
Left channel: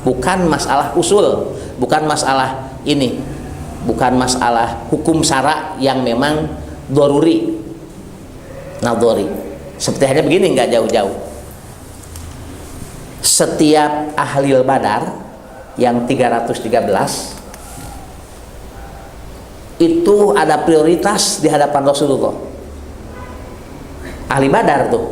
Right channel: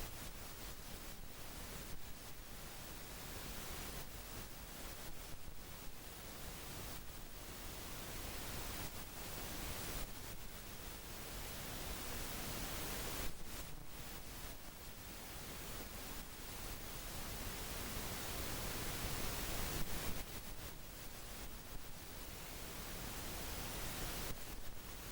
bukan masalah usul, bukan masalah ini, bukan masalah hukum syara yang memang doruri, nadori. Seperti hanya begini, nggak jauh-jauh. Setiap ahlil badar yang 313 itu ada prioritas di hadapan Rasulullah. Ahli Badar tuh,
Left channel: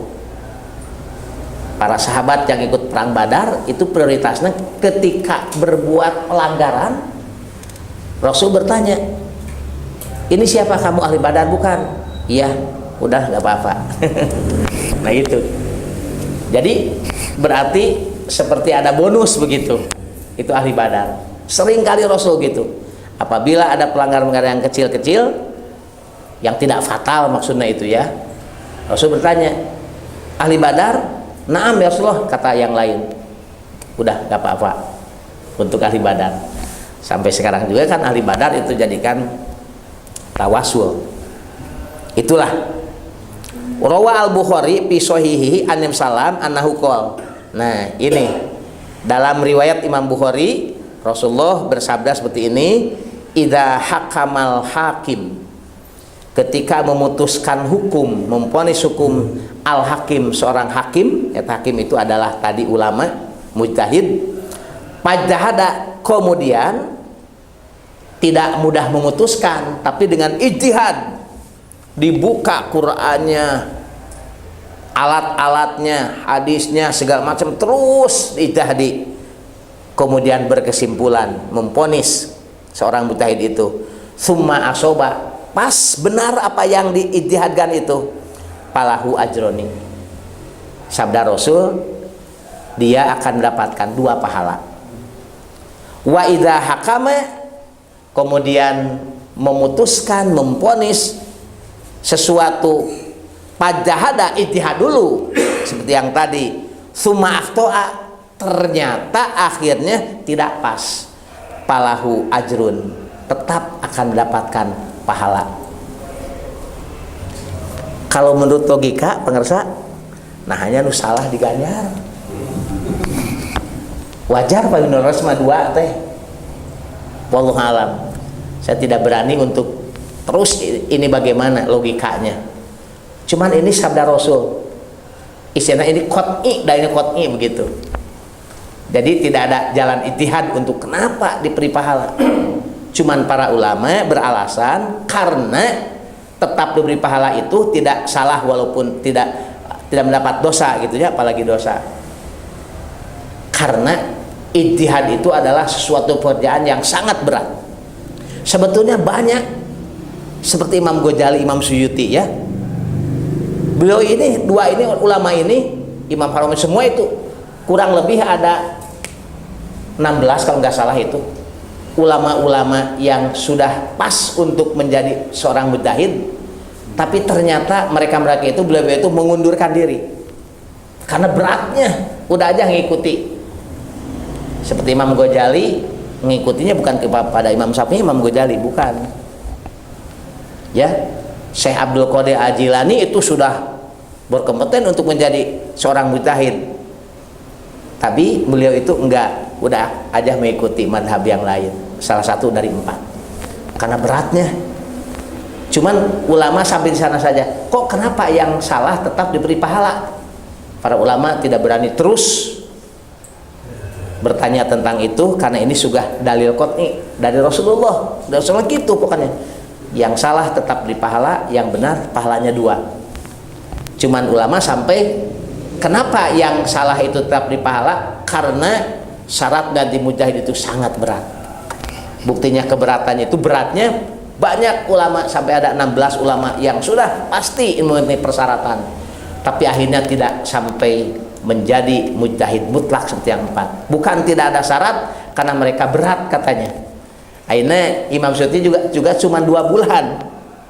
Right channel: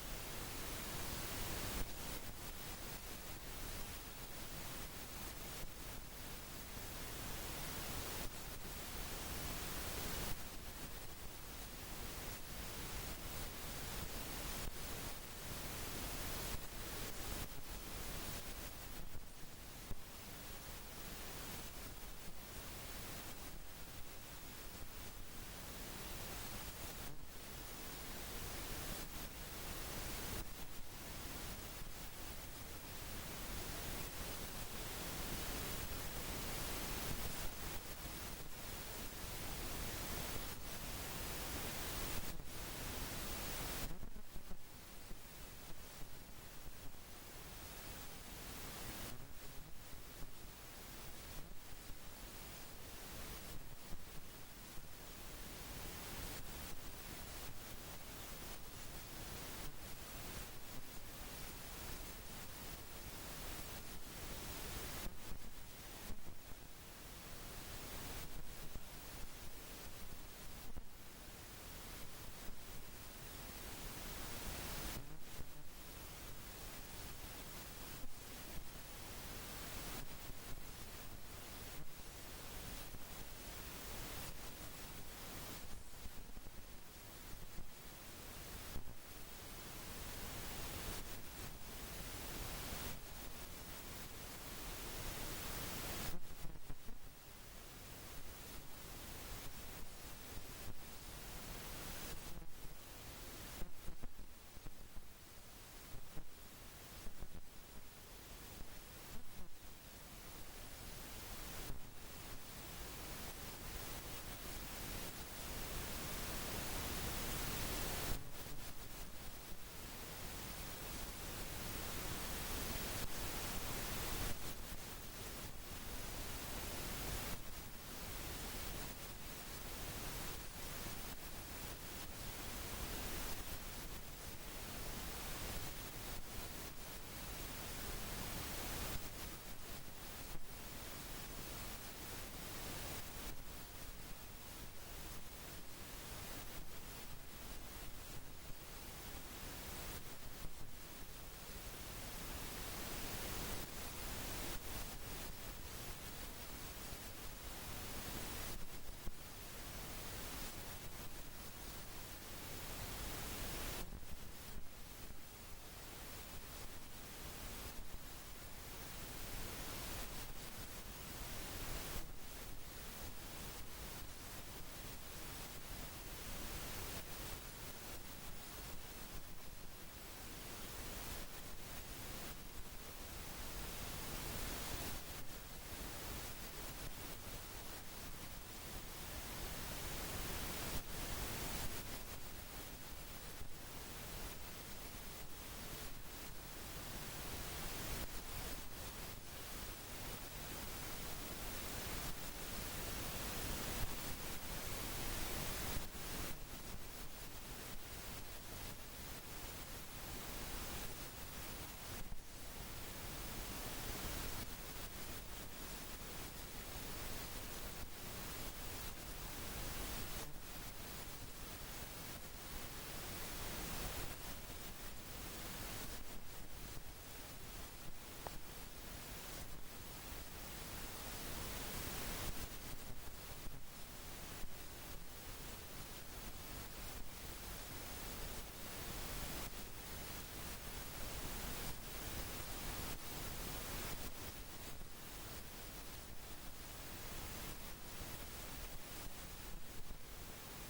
para sahabat yang ikut perang Badar itu prioritasnya ketika berbuat pelanggaran, Rasul bertanya, ini siapa kamu, ahli Badar bukan? Iya, udah nggak apa-apa. Nah itu, jadi berarti seperti ada bonus begitu. Itu ahli Badar. Sering kali Rasul gitu. Apabila ada pelanggaran-pelanggaran yang kecil-kecil yang tidak fatal maksudnya itu ya, Rasul bertanya, ahli Badar? Naam ya Rasulullah, kata yang lain. Udah gak apa-apa untuk ahli Badar. Sampai sekarang juga kan ahli Badar itu jadikan tawasul. Itulah Rawa al-Bukhari fi sahihihi an salam annahu qol. Nah, ini dalam riwayat Imam Bukhari, Rasulullah bersabda seperti ini, idza hakamal hakim, ketika memutuskan hukum, memvonis hukum al-hakim, seorang hakim, hakim itu adalah tadi ulama, mujtahid, pajahada, kemudian tidak mudah memutuskan, tapi dengan ijtihad, dibuka Qur'annya, alat-alatnya, hadisnya, segala macam, terus ijtihadi, kemudian berkesimpulan, memvonis seorang mujtahid itu, summa asoba, pas benar apa yang diijtihadkan itu, falahu ajroni, sabda Rasul, dia akan mendapatkan 2 pahala. Wa idza hakama, kemudian memutuskan, memvonis sesuatu, pajahada, ijtihad dulu seperti yang tadi, summa akhtoa, ternyata akhirnya tidak pas, falahu ajrun, tetap akan mendapatkan pahala. Kalau menurut logika pengersa, nah hanya nu salah diganjar. Wajar Pak Yunus mah 2 teh. Wallahu alam. Saya tidak berani untuk terus ini bagaimana logikanya. Cuman ini sabda Rasul. Istilah ini qot'i, dan ini qot'i begitu. Jadi tidak ada jalan ijtihad untuk kenapa diberi pahala. Cuman para ulama beralasan karena tetap diberi pahala itu tidak salah walaupun tidak mendapat dosa gitu ya, apalagi dosa. Karena ijtihad itu adalah sesuatu pekerjaan yang sangat berat. Sebetulnya banyak, seperti Imam Ghazali, Imam Suyuti ya. Beliau ini, 2 ini ulama ini, Imam Haramain, semua itu kurang lebih ada 16 kalau nggak salah itu ulama-ulama yang sudah pas untuk menjadi seorang mujtahid, tapi ternyata mereka itu beliau itu mengundurkan diri karena beratnya, udah aja ngikuti. Seperti Imam Ghazali, mengikutinya bukan kepada Imam Syafi'i, Imam Ghazali bukan. Ya, Syekh Abdul Qadir Al-Jilani itu sudah berkompeten untuk menjadi seorang mujtahid, tapi beliau itu enggak, udah aja mengikuti madhab yang lain, salah satu dari 4 karena beratnya. Cuman ulama sampai di sana saja. Kok kenapa yang salah tetap diberi pahala? Para ulama tidak berani terus bertanya tentang itu karena ini sudah dalil qot'i dari Rasulullah. Rasulullah gitu pokoknya. Yang salah tetap diberi pahala, yang benar pahalanya 2. Cuman ulama sampai kenapa yang salah itu tetap diberi pahala? Karena syarat ganti mujtahid itu sangat berat. Buktinya keberatannya itu beratnya banyak ulama, sampai ada 16 ulama yang sudah pasti memenuhi persyaratan, tapi akhirnya tidak sampai menjadi mujtahid mutlak seperti yang 4. Bukan tidak ada syarat, karena mereka berat katanya. Akhirnya Imam Suyuti juga cuma 2 bulan.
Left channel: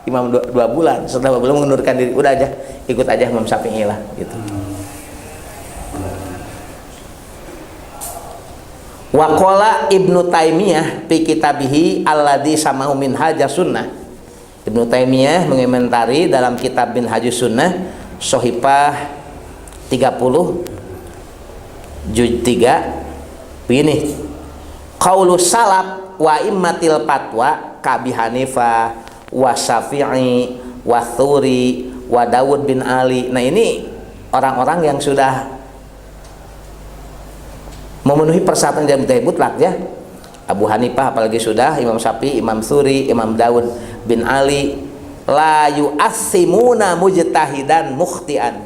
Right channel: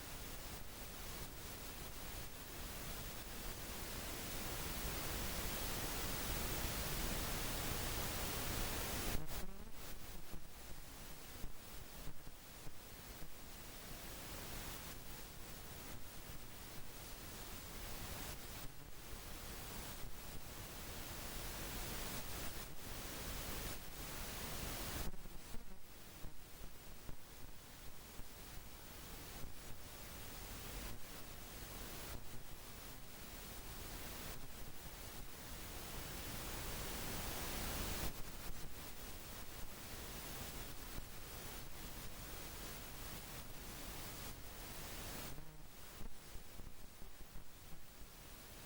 Imam 2 bulan, setelah 2 bulan mengundurkan diri, udah aja ikut aja Imam Syafi'i lah gitu. Waqala Ibnu Taimiyah fi kitabihi alladzi samahu Minhajus Sunnah. Ibnu Taimiyah mengomentari dalam kitab Minhajus Sunnah Shahifah 30 juz 3 begini. Qaulus salaf wa immatil fatwa ka Abi Hanifah wa Syafi'i wa Tsuri wa Dawud bin Ali. Nah, ini orang-orang yang sudah memenuhi persyaratan dari mujtahid mutlak ya. Abu Hanifah apalagi sudah, Imam Syafi'i, Imam Tsuri, Imam Dawud bin Ali la yu'assimuna mujtahidan mukhtian.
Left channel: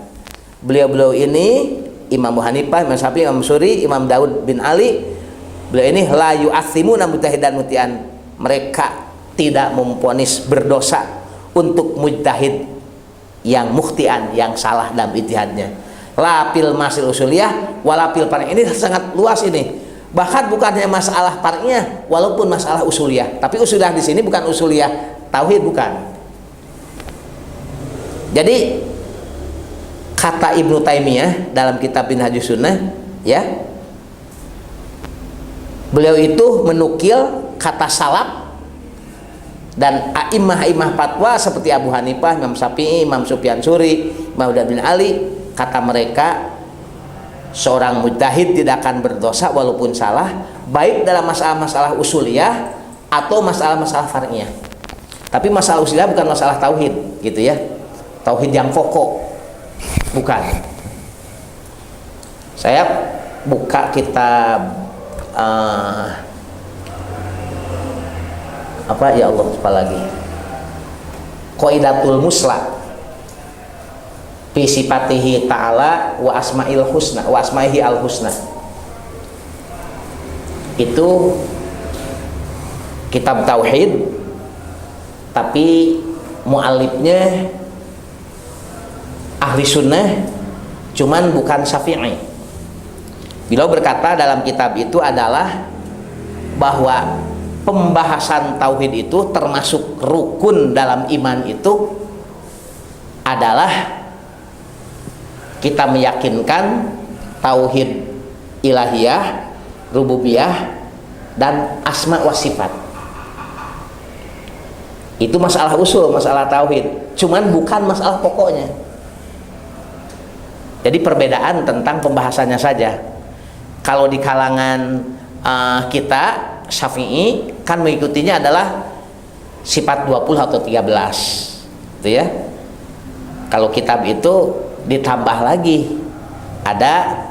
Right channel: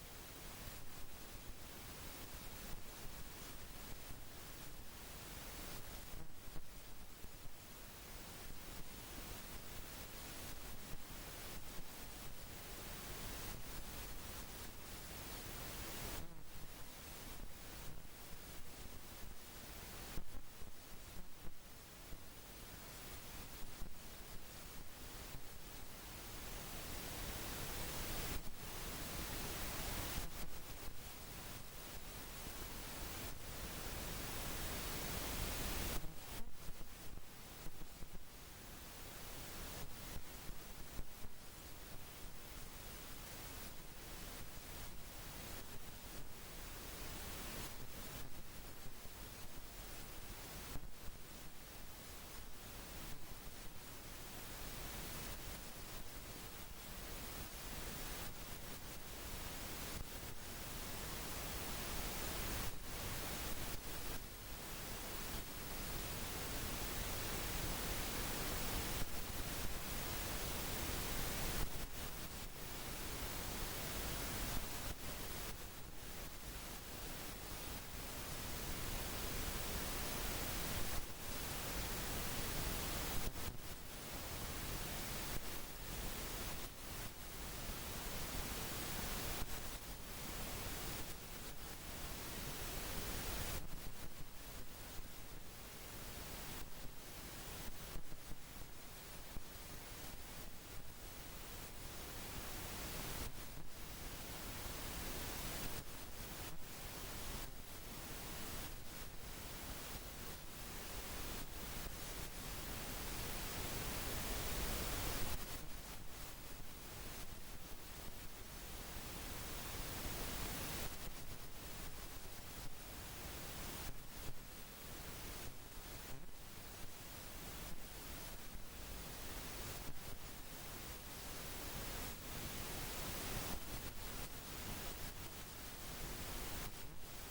Beliau-beliau ini Imam Abu Hanifah, Imam Syafi'i, Imam Tsuri, Imam Dawud bin Ali, beliau ini la yu'assimuna mujtahidan mukhtian. Mereka tidak memvonis berdosa untuk mujtahid yang mukhtian, yang salah dalam ijtihadnya. Lapil masil usuliyah walapil far'iyah. Ini sangat luas ini. Bahkan bukan hanya masalah far'iyah, walaupun masalah usuliyah. Tapi usuliyah di sini bukan usuliyah tauhid, bukan. Jadi kata Ibnu Taimiyah dalam kitab Minhajus Sunnah ya, beliau itu menukil kata salaf dan a'immah fatwa seperti Abu Hanifah, Imam Syafi'i, Imam Sufyan Tsuri, Imam Dawud bin Ali. Kata mereka, seorang mujtahid tidak akan berdosa walaupun salah, baik dalam masalah-masalah usuliyah atau masalah-masalah far'iyah. Tapi masalah usulia bukan masalah tauhid, gitu ya. Tauhid yang pokok, bukan. Saya buka kitab apa ya Allah, apa lagi? Qaidatul Musla fi sifatihi ta'ala wa asma'il husna wa asma'ihi al husna. Itu kitab tauhid, tapi muallifnya ahli sunnah, cuman bukan Syafi'i. Beliau berkata dalam kitab itu adalah bahwa pembahasan tauhid itu termasuk rukun dalam iman itu adalah kita meyakinkan tauhid ilahiyah, rububiyah, dan asma wa sifat. Itu masalah usul, masalah tauhid, cuman bukan masalah pokoknya. Jadi perbedaan tentang pembahasannya saja. Kalau di kalangan kita Syafi'i kan mengikutinya adalah sifat 20 atau 13, gitu ya. Kalau kitab itu ditambah lagi, ada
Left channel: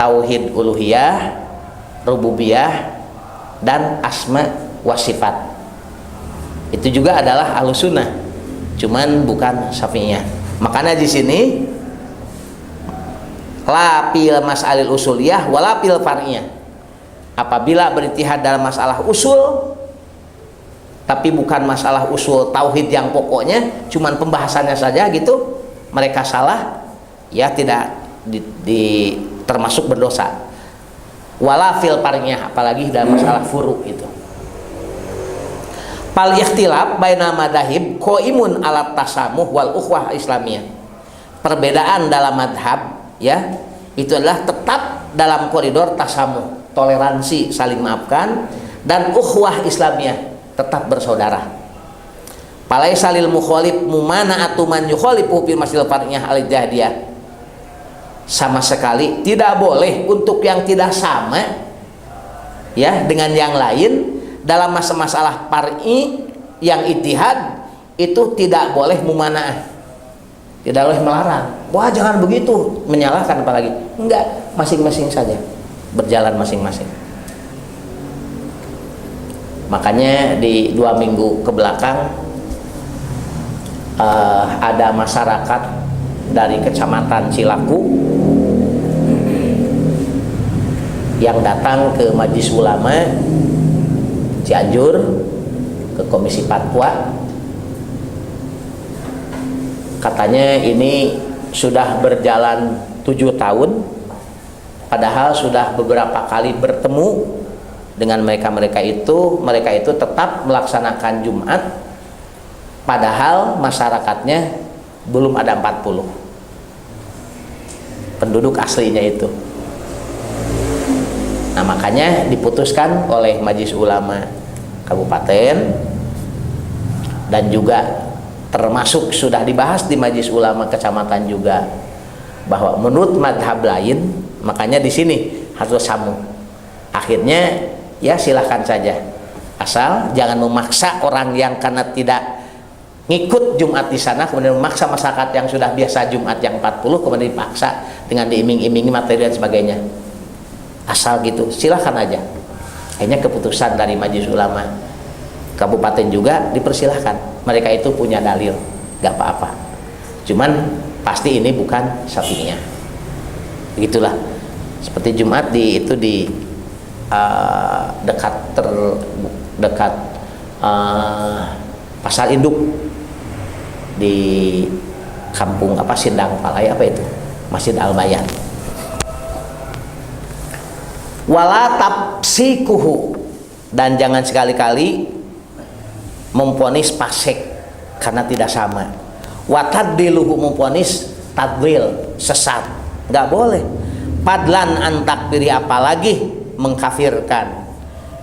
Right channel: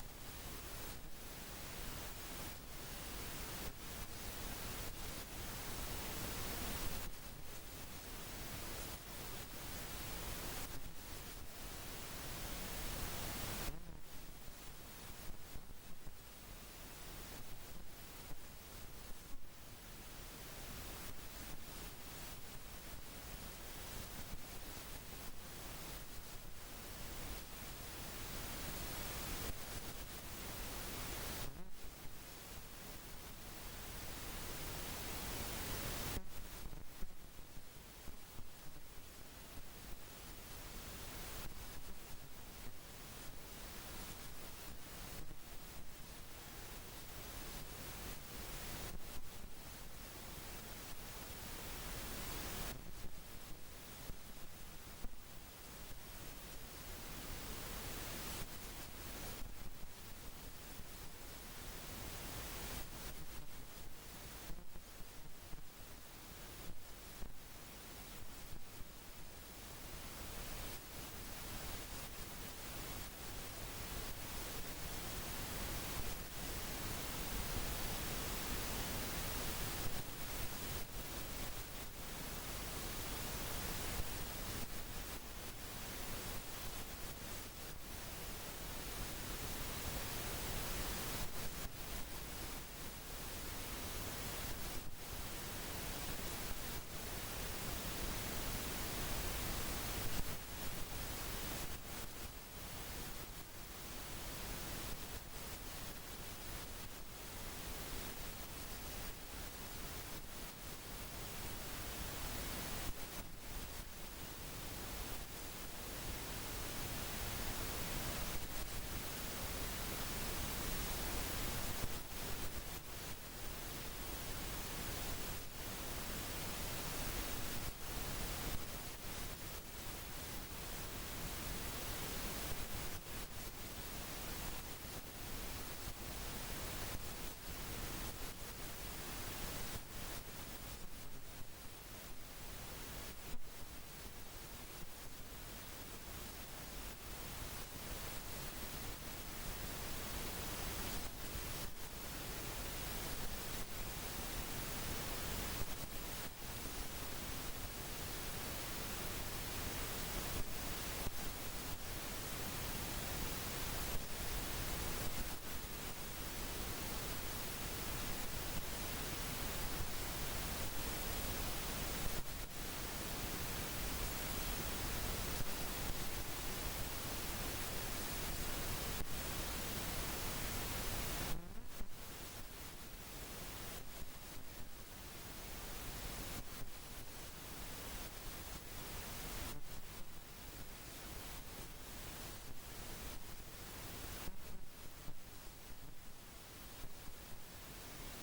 tauhid uluhiyah, rububiyah, dan asma wa sifat. Itu juga adalah ahlus sunnah, cuman bukan Syafi'iyah. Makanya di sini la pil mas'alil usuliyah wala pil far'iyah. Apabila berijtihad dalam masalah usul, tapi bukan masalah usul tauhid yang pokoknya, cuman pembahasannya saja gitu, mereka salah, ya tidak termasuk berdosa. Wala fil far'iyah, apalagi dalam masalah furu itu. Pal ikhtilaf baina madahib qaimun ala tasamuh wal ukhwah islamiyah. Perbedaan dalam madhab, ya, itu adalah tetap dalam koridor tasamuh, toleransi, saling maafkan, dan ukhwah islamiyah, tetap bersaudara. Palaisa lil mukhalif mumana'atu man yukhalifu fil masail far'iyah al jahdiyah. Sama sekali tidak boleh untuk yang tidak sama, ya, dengan yang lain dalam masalah far'i yang ijtihad itu tidak boleh mumana'ah, tidak boleh melarang. Wah, jangan begitu, menyalahkan apalagi. Enggak, masing-masing saja, berjalan masing-masing. Makanya di 2 minggu ke belakang ada masyarakat dari kecamatan Cilaku yang datang ke Majelis Ulama Cianjur, ke Komisi Fatwa. Katanya ini sudah berjalan 7 tahun, padahal sudah beberapa kali bertemu dengan mereka itu tetap melaksanakan Jumat, padahal masyarakatnya belum ada 40 penduduk aslinya itu. Nah, makanya diputuskan oleh Majelis Ulama Kabupaten, dan juga termasuk sudah dibahas di Majelis Ulama Kecamatan juga, bahwa menurut madhab lain, makanya di sini harus samu. Akhirnya ya silahkan saja, asal jangan memaksa orang yang karena tidak ngikut Jumat di sana kemudian memaksa masyarakat yang sudah biasa Jumat yang 40 kemudian dipaksa dengan diiming-imingi materi dan sebagainya. Asal gitu, silahkan aja. Akhirnya keputusan dari Majelis Ulama Kabupaten juga dipersilahkan. Mereka itu punya dalil, gak apa-apa. Cuman pasti ini bukan Syafi'iyah. Begitulah. Seperti Jumat di dekat Pasar Induk di kampung Sindang Palai itu, Masjid Al-Bayan. Wala tafsikuhu, dan jangan sekali-kali memponis fasik karena tidak sama. Wa taddiluhu, memponis tadlil, sesat, nggak boleh. Padlan antakfiri, apalagi mengkafirkan.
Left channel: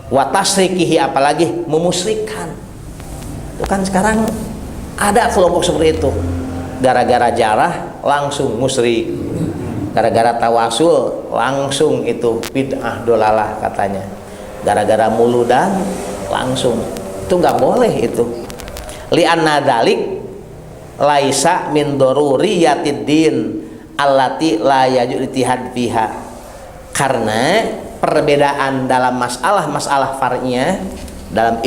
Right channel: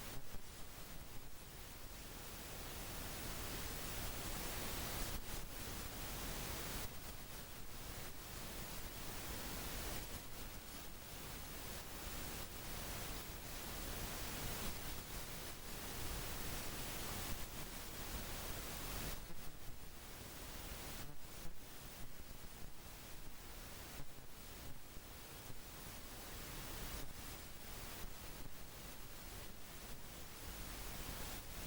Wa tasrikihi, apalagi memusyrikkan. Itu kan sekarang ada kelompok seperti itu. Gara-gara jarah langsung musyrik. Gara-gara tawasul langsung itu bid'ah dolalah katanya. Gara-gara muludan langsung, itu nggak boleh itu. li anna dalik laisa min daruriyatid din allati la yaju ijtihad fiha, karena perbedaan dalam masalah far'iyah dalam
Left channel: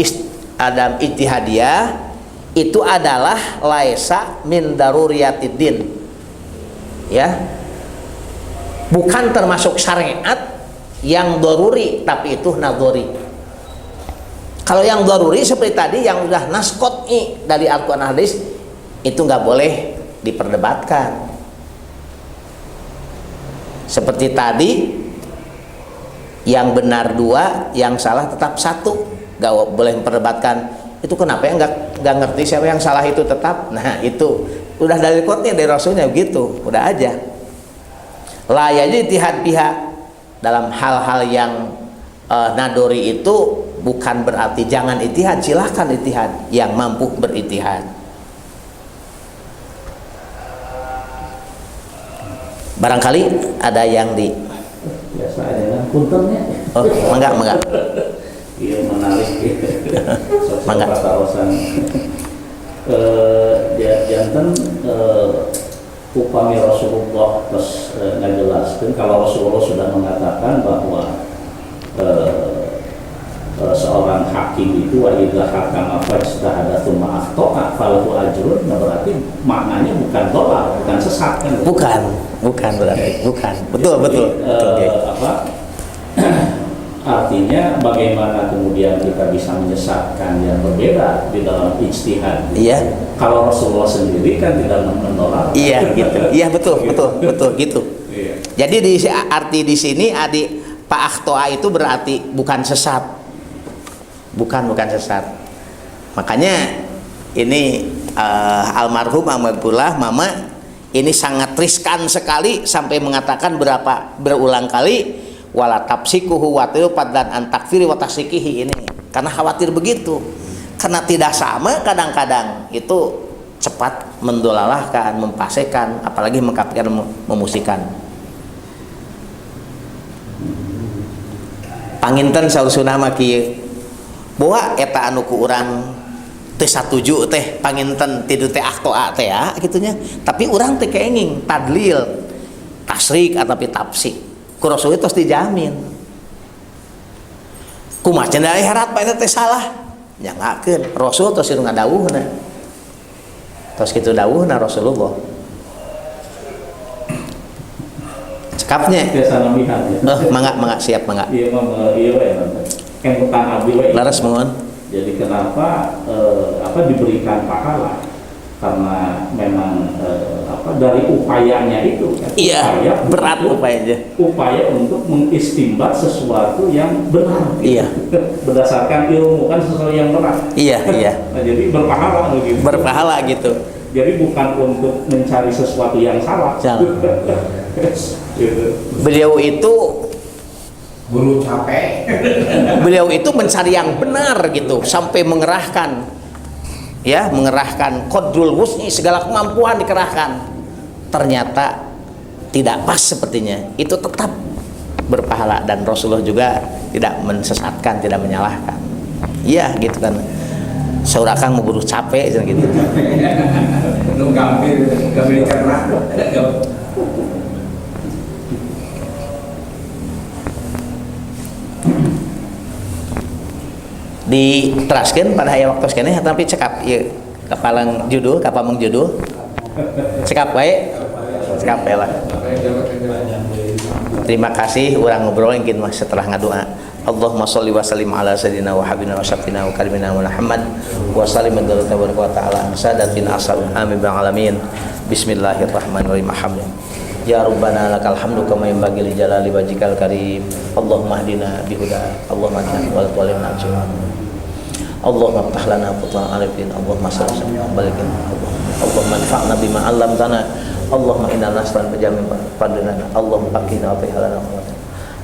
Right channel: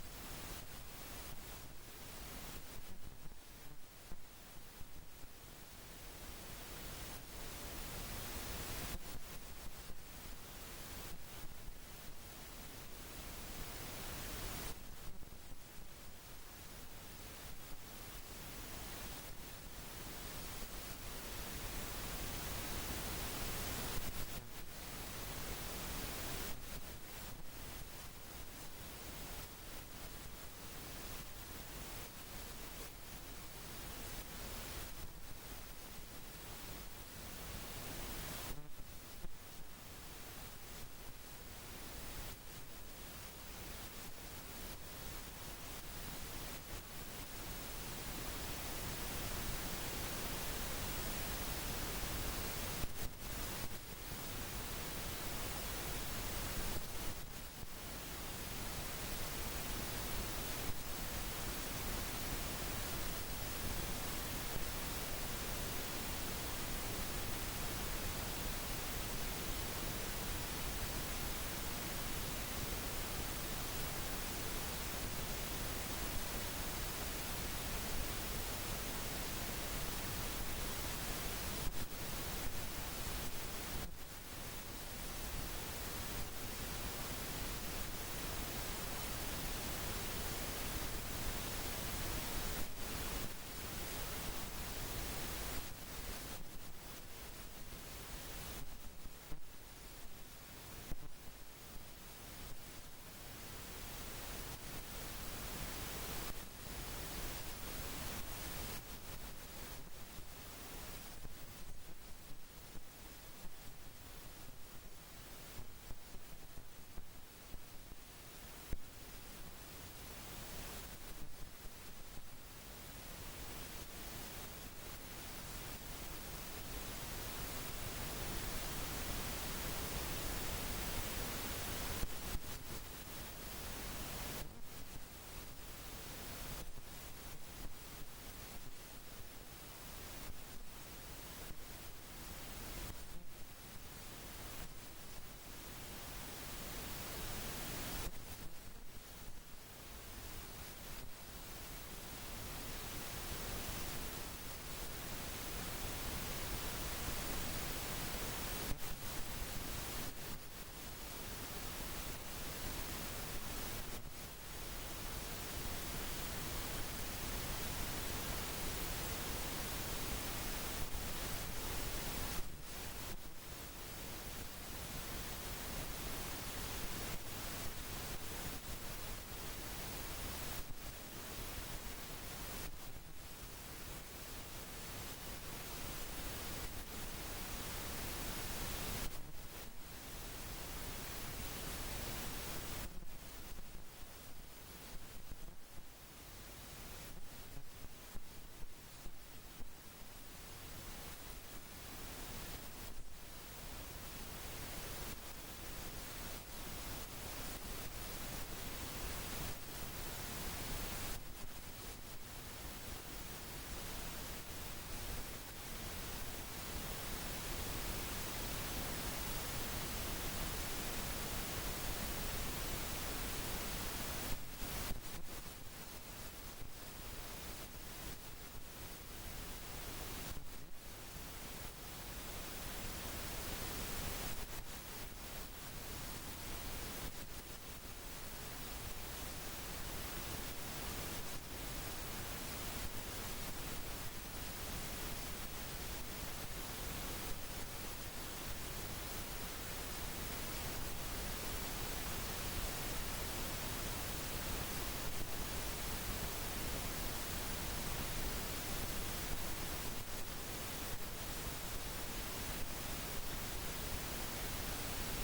ijtihadiyah itu adalah laisa min daruriyatid din, ya, bukan termasuk syariat yang daruri, tapi itu nadhari. Kalau yang daruri seperti tadi yang udah nas qat'i dari Al-Qur'an hadis itu nggak boleh diperdebatkan. Seperti tadi, yang benar 2, yang salah tetap 1, nggak boleh memperdebatkan. Itu kenapa ya nggak ngerti siapa yang salah itu tetap. Nah itu udah dari qat'i dari Rasulnya begitu, udah aja. La yajid ijtihad biha, dalam hal-hal yang nadori itu bukan berarti jangan ijtihad, silahkan ijtihad yang mampu berijtihad. Barangkali ada yang di biasa aja puntennya. Oh, mangga. Iya, menarik. Mangga. Kawasan janten upami Rasulullah terus ngajelaskeun kalau Rasulullah sudah mengatakan bahwa seorang hakim itu wa idza hakama fajtahada tsumma akhta'a falahu ajrun, berarti maknanya bukan dolal, bukan sesat kan? Bukan berarti, bukan. Betul. Artinya bagaimana kemudian kita bisa menyesatkan yang berbeda di dalam ijtihad? Iya. Kalau Rasulullah sendiri kan tidak menolak. Iya gitu. Iya betul gitu. Iya. Jadi arti di sini Pak Akhtoa itu berarti bukan sesat. Bukan sesat. Makanya ini almarhum Ahmadullah Mama ini sangat riskan sekali sampai mengatakan berulang kali wala tafsikuhu wa tilfaddan an takfiri wa tasyikihi, ini karena khawatir begitu, karena tidak sama kadang-kadang itu cepat mendolalahkan, mempasekan, apalagi mengkafirkan, memusikan. Panginten saur sunah maki boa eta anu ku urang teh satuju teh panginten tidu teh akhtoa teh ya gitunya, tapi urang teh keenging tadlil tasrik atapi tafsik ku Rasul tos dijamin kumaha cenah harat pa eta teh salah nyangakeun Rasul tos ieu ngadawuhna tos kitu dawuhna Rasulullah cekapnya biasa namihan ya. Mangga siap mangga Iya we kan tentang abdi we. laras mohon. Jadi kenapa diberikan pahala? Karena memang dari upayanya itu kan? Iya, berat upayanya. Upaya untuk mengistimbat sesuatu yang benar. Iya. Berdasarkan ilmu kan sesuatu yang benar. Iya. Nah, jadi berpahala gitu. Berpahala gitu. Jadi bukan untuk mencari sesuatu yang salah. Gitu. Beliau itu buru capek. Beliau itu mencari yang benar gitu sampai mengerahkan qadrul wus'i, segala kemampuan dikerahkan. Ternyata tidak pas sepertinya. Itu tetap berpahala dan Rasulullah juga tidak mensesatkan, tidak menyalahkan. Iya gitu kan. Saur akang mau buru capek gitu. Lu gampil dicerna. Diteraskan pada aya waktu sekene tapi cekap ieu kapalang judul kapameng judul cekap wae lah. Terima kasih urang ngobrol engkeun mah setelah ngadoa. Allahumma sholli wa sallim ala sayyidina wa habibina wa syafiina wa karimina Muhammad wa sallim wa ta'ala sadatina asal amin bil alamin. Bismillahirrahmanirrahim. Ya Rabbana lakal hamdu kama yanbaghi li jalali wajhikal karim. Allahumma hdina bihuda. Allahumma hdina wal walina ajr. Allahumma ftah lana futuhan arifin. Allahumma salli wa balikin. Allahumma anfa'na bima 'allamtana. Allahumma inna nas'aluka bijamin fadlana. Allahumma qina wa fihalana.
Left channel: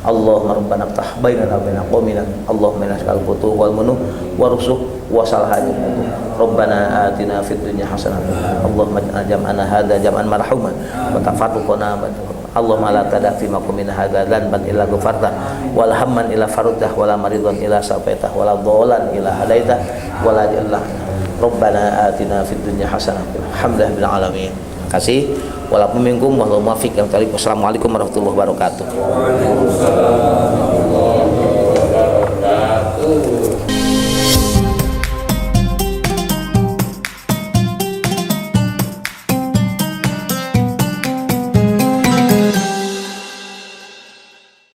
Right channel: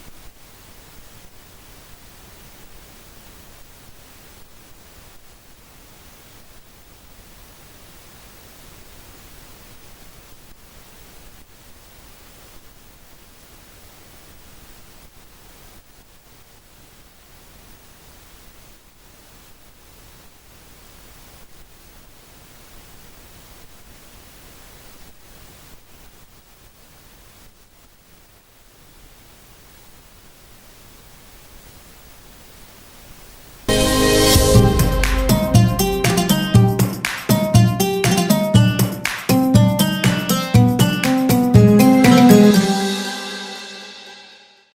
Allahumma rabbana ftah bainana wa baina qaumina. Allahumma inna nas'aluka al-futuh wal munuh wa rusuh wa salahati. Rabbana atina fid dunya hasanah. Allahumma jam'ana hadza jam'an marhuma wa tafarruqana. Allahumma la tada fi maqamina hadza dzanban illa ghafarta wal hamman illa farajtah wala maridan illa safaitah wala dhalan illa hadaitah wala jallah Rabbana atina fid dunya hasanah. Alhamdulillah bil alamin. Terima kasih. Walaupun minkum wallahu muwaffiq. Wassalamualaikum warahmatullahi wabarakatuh.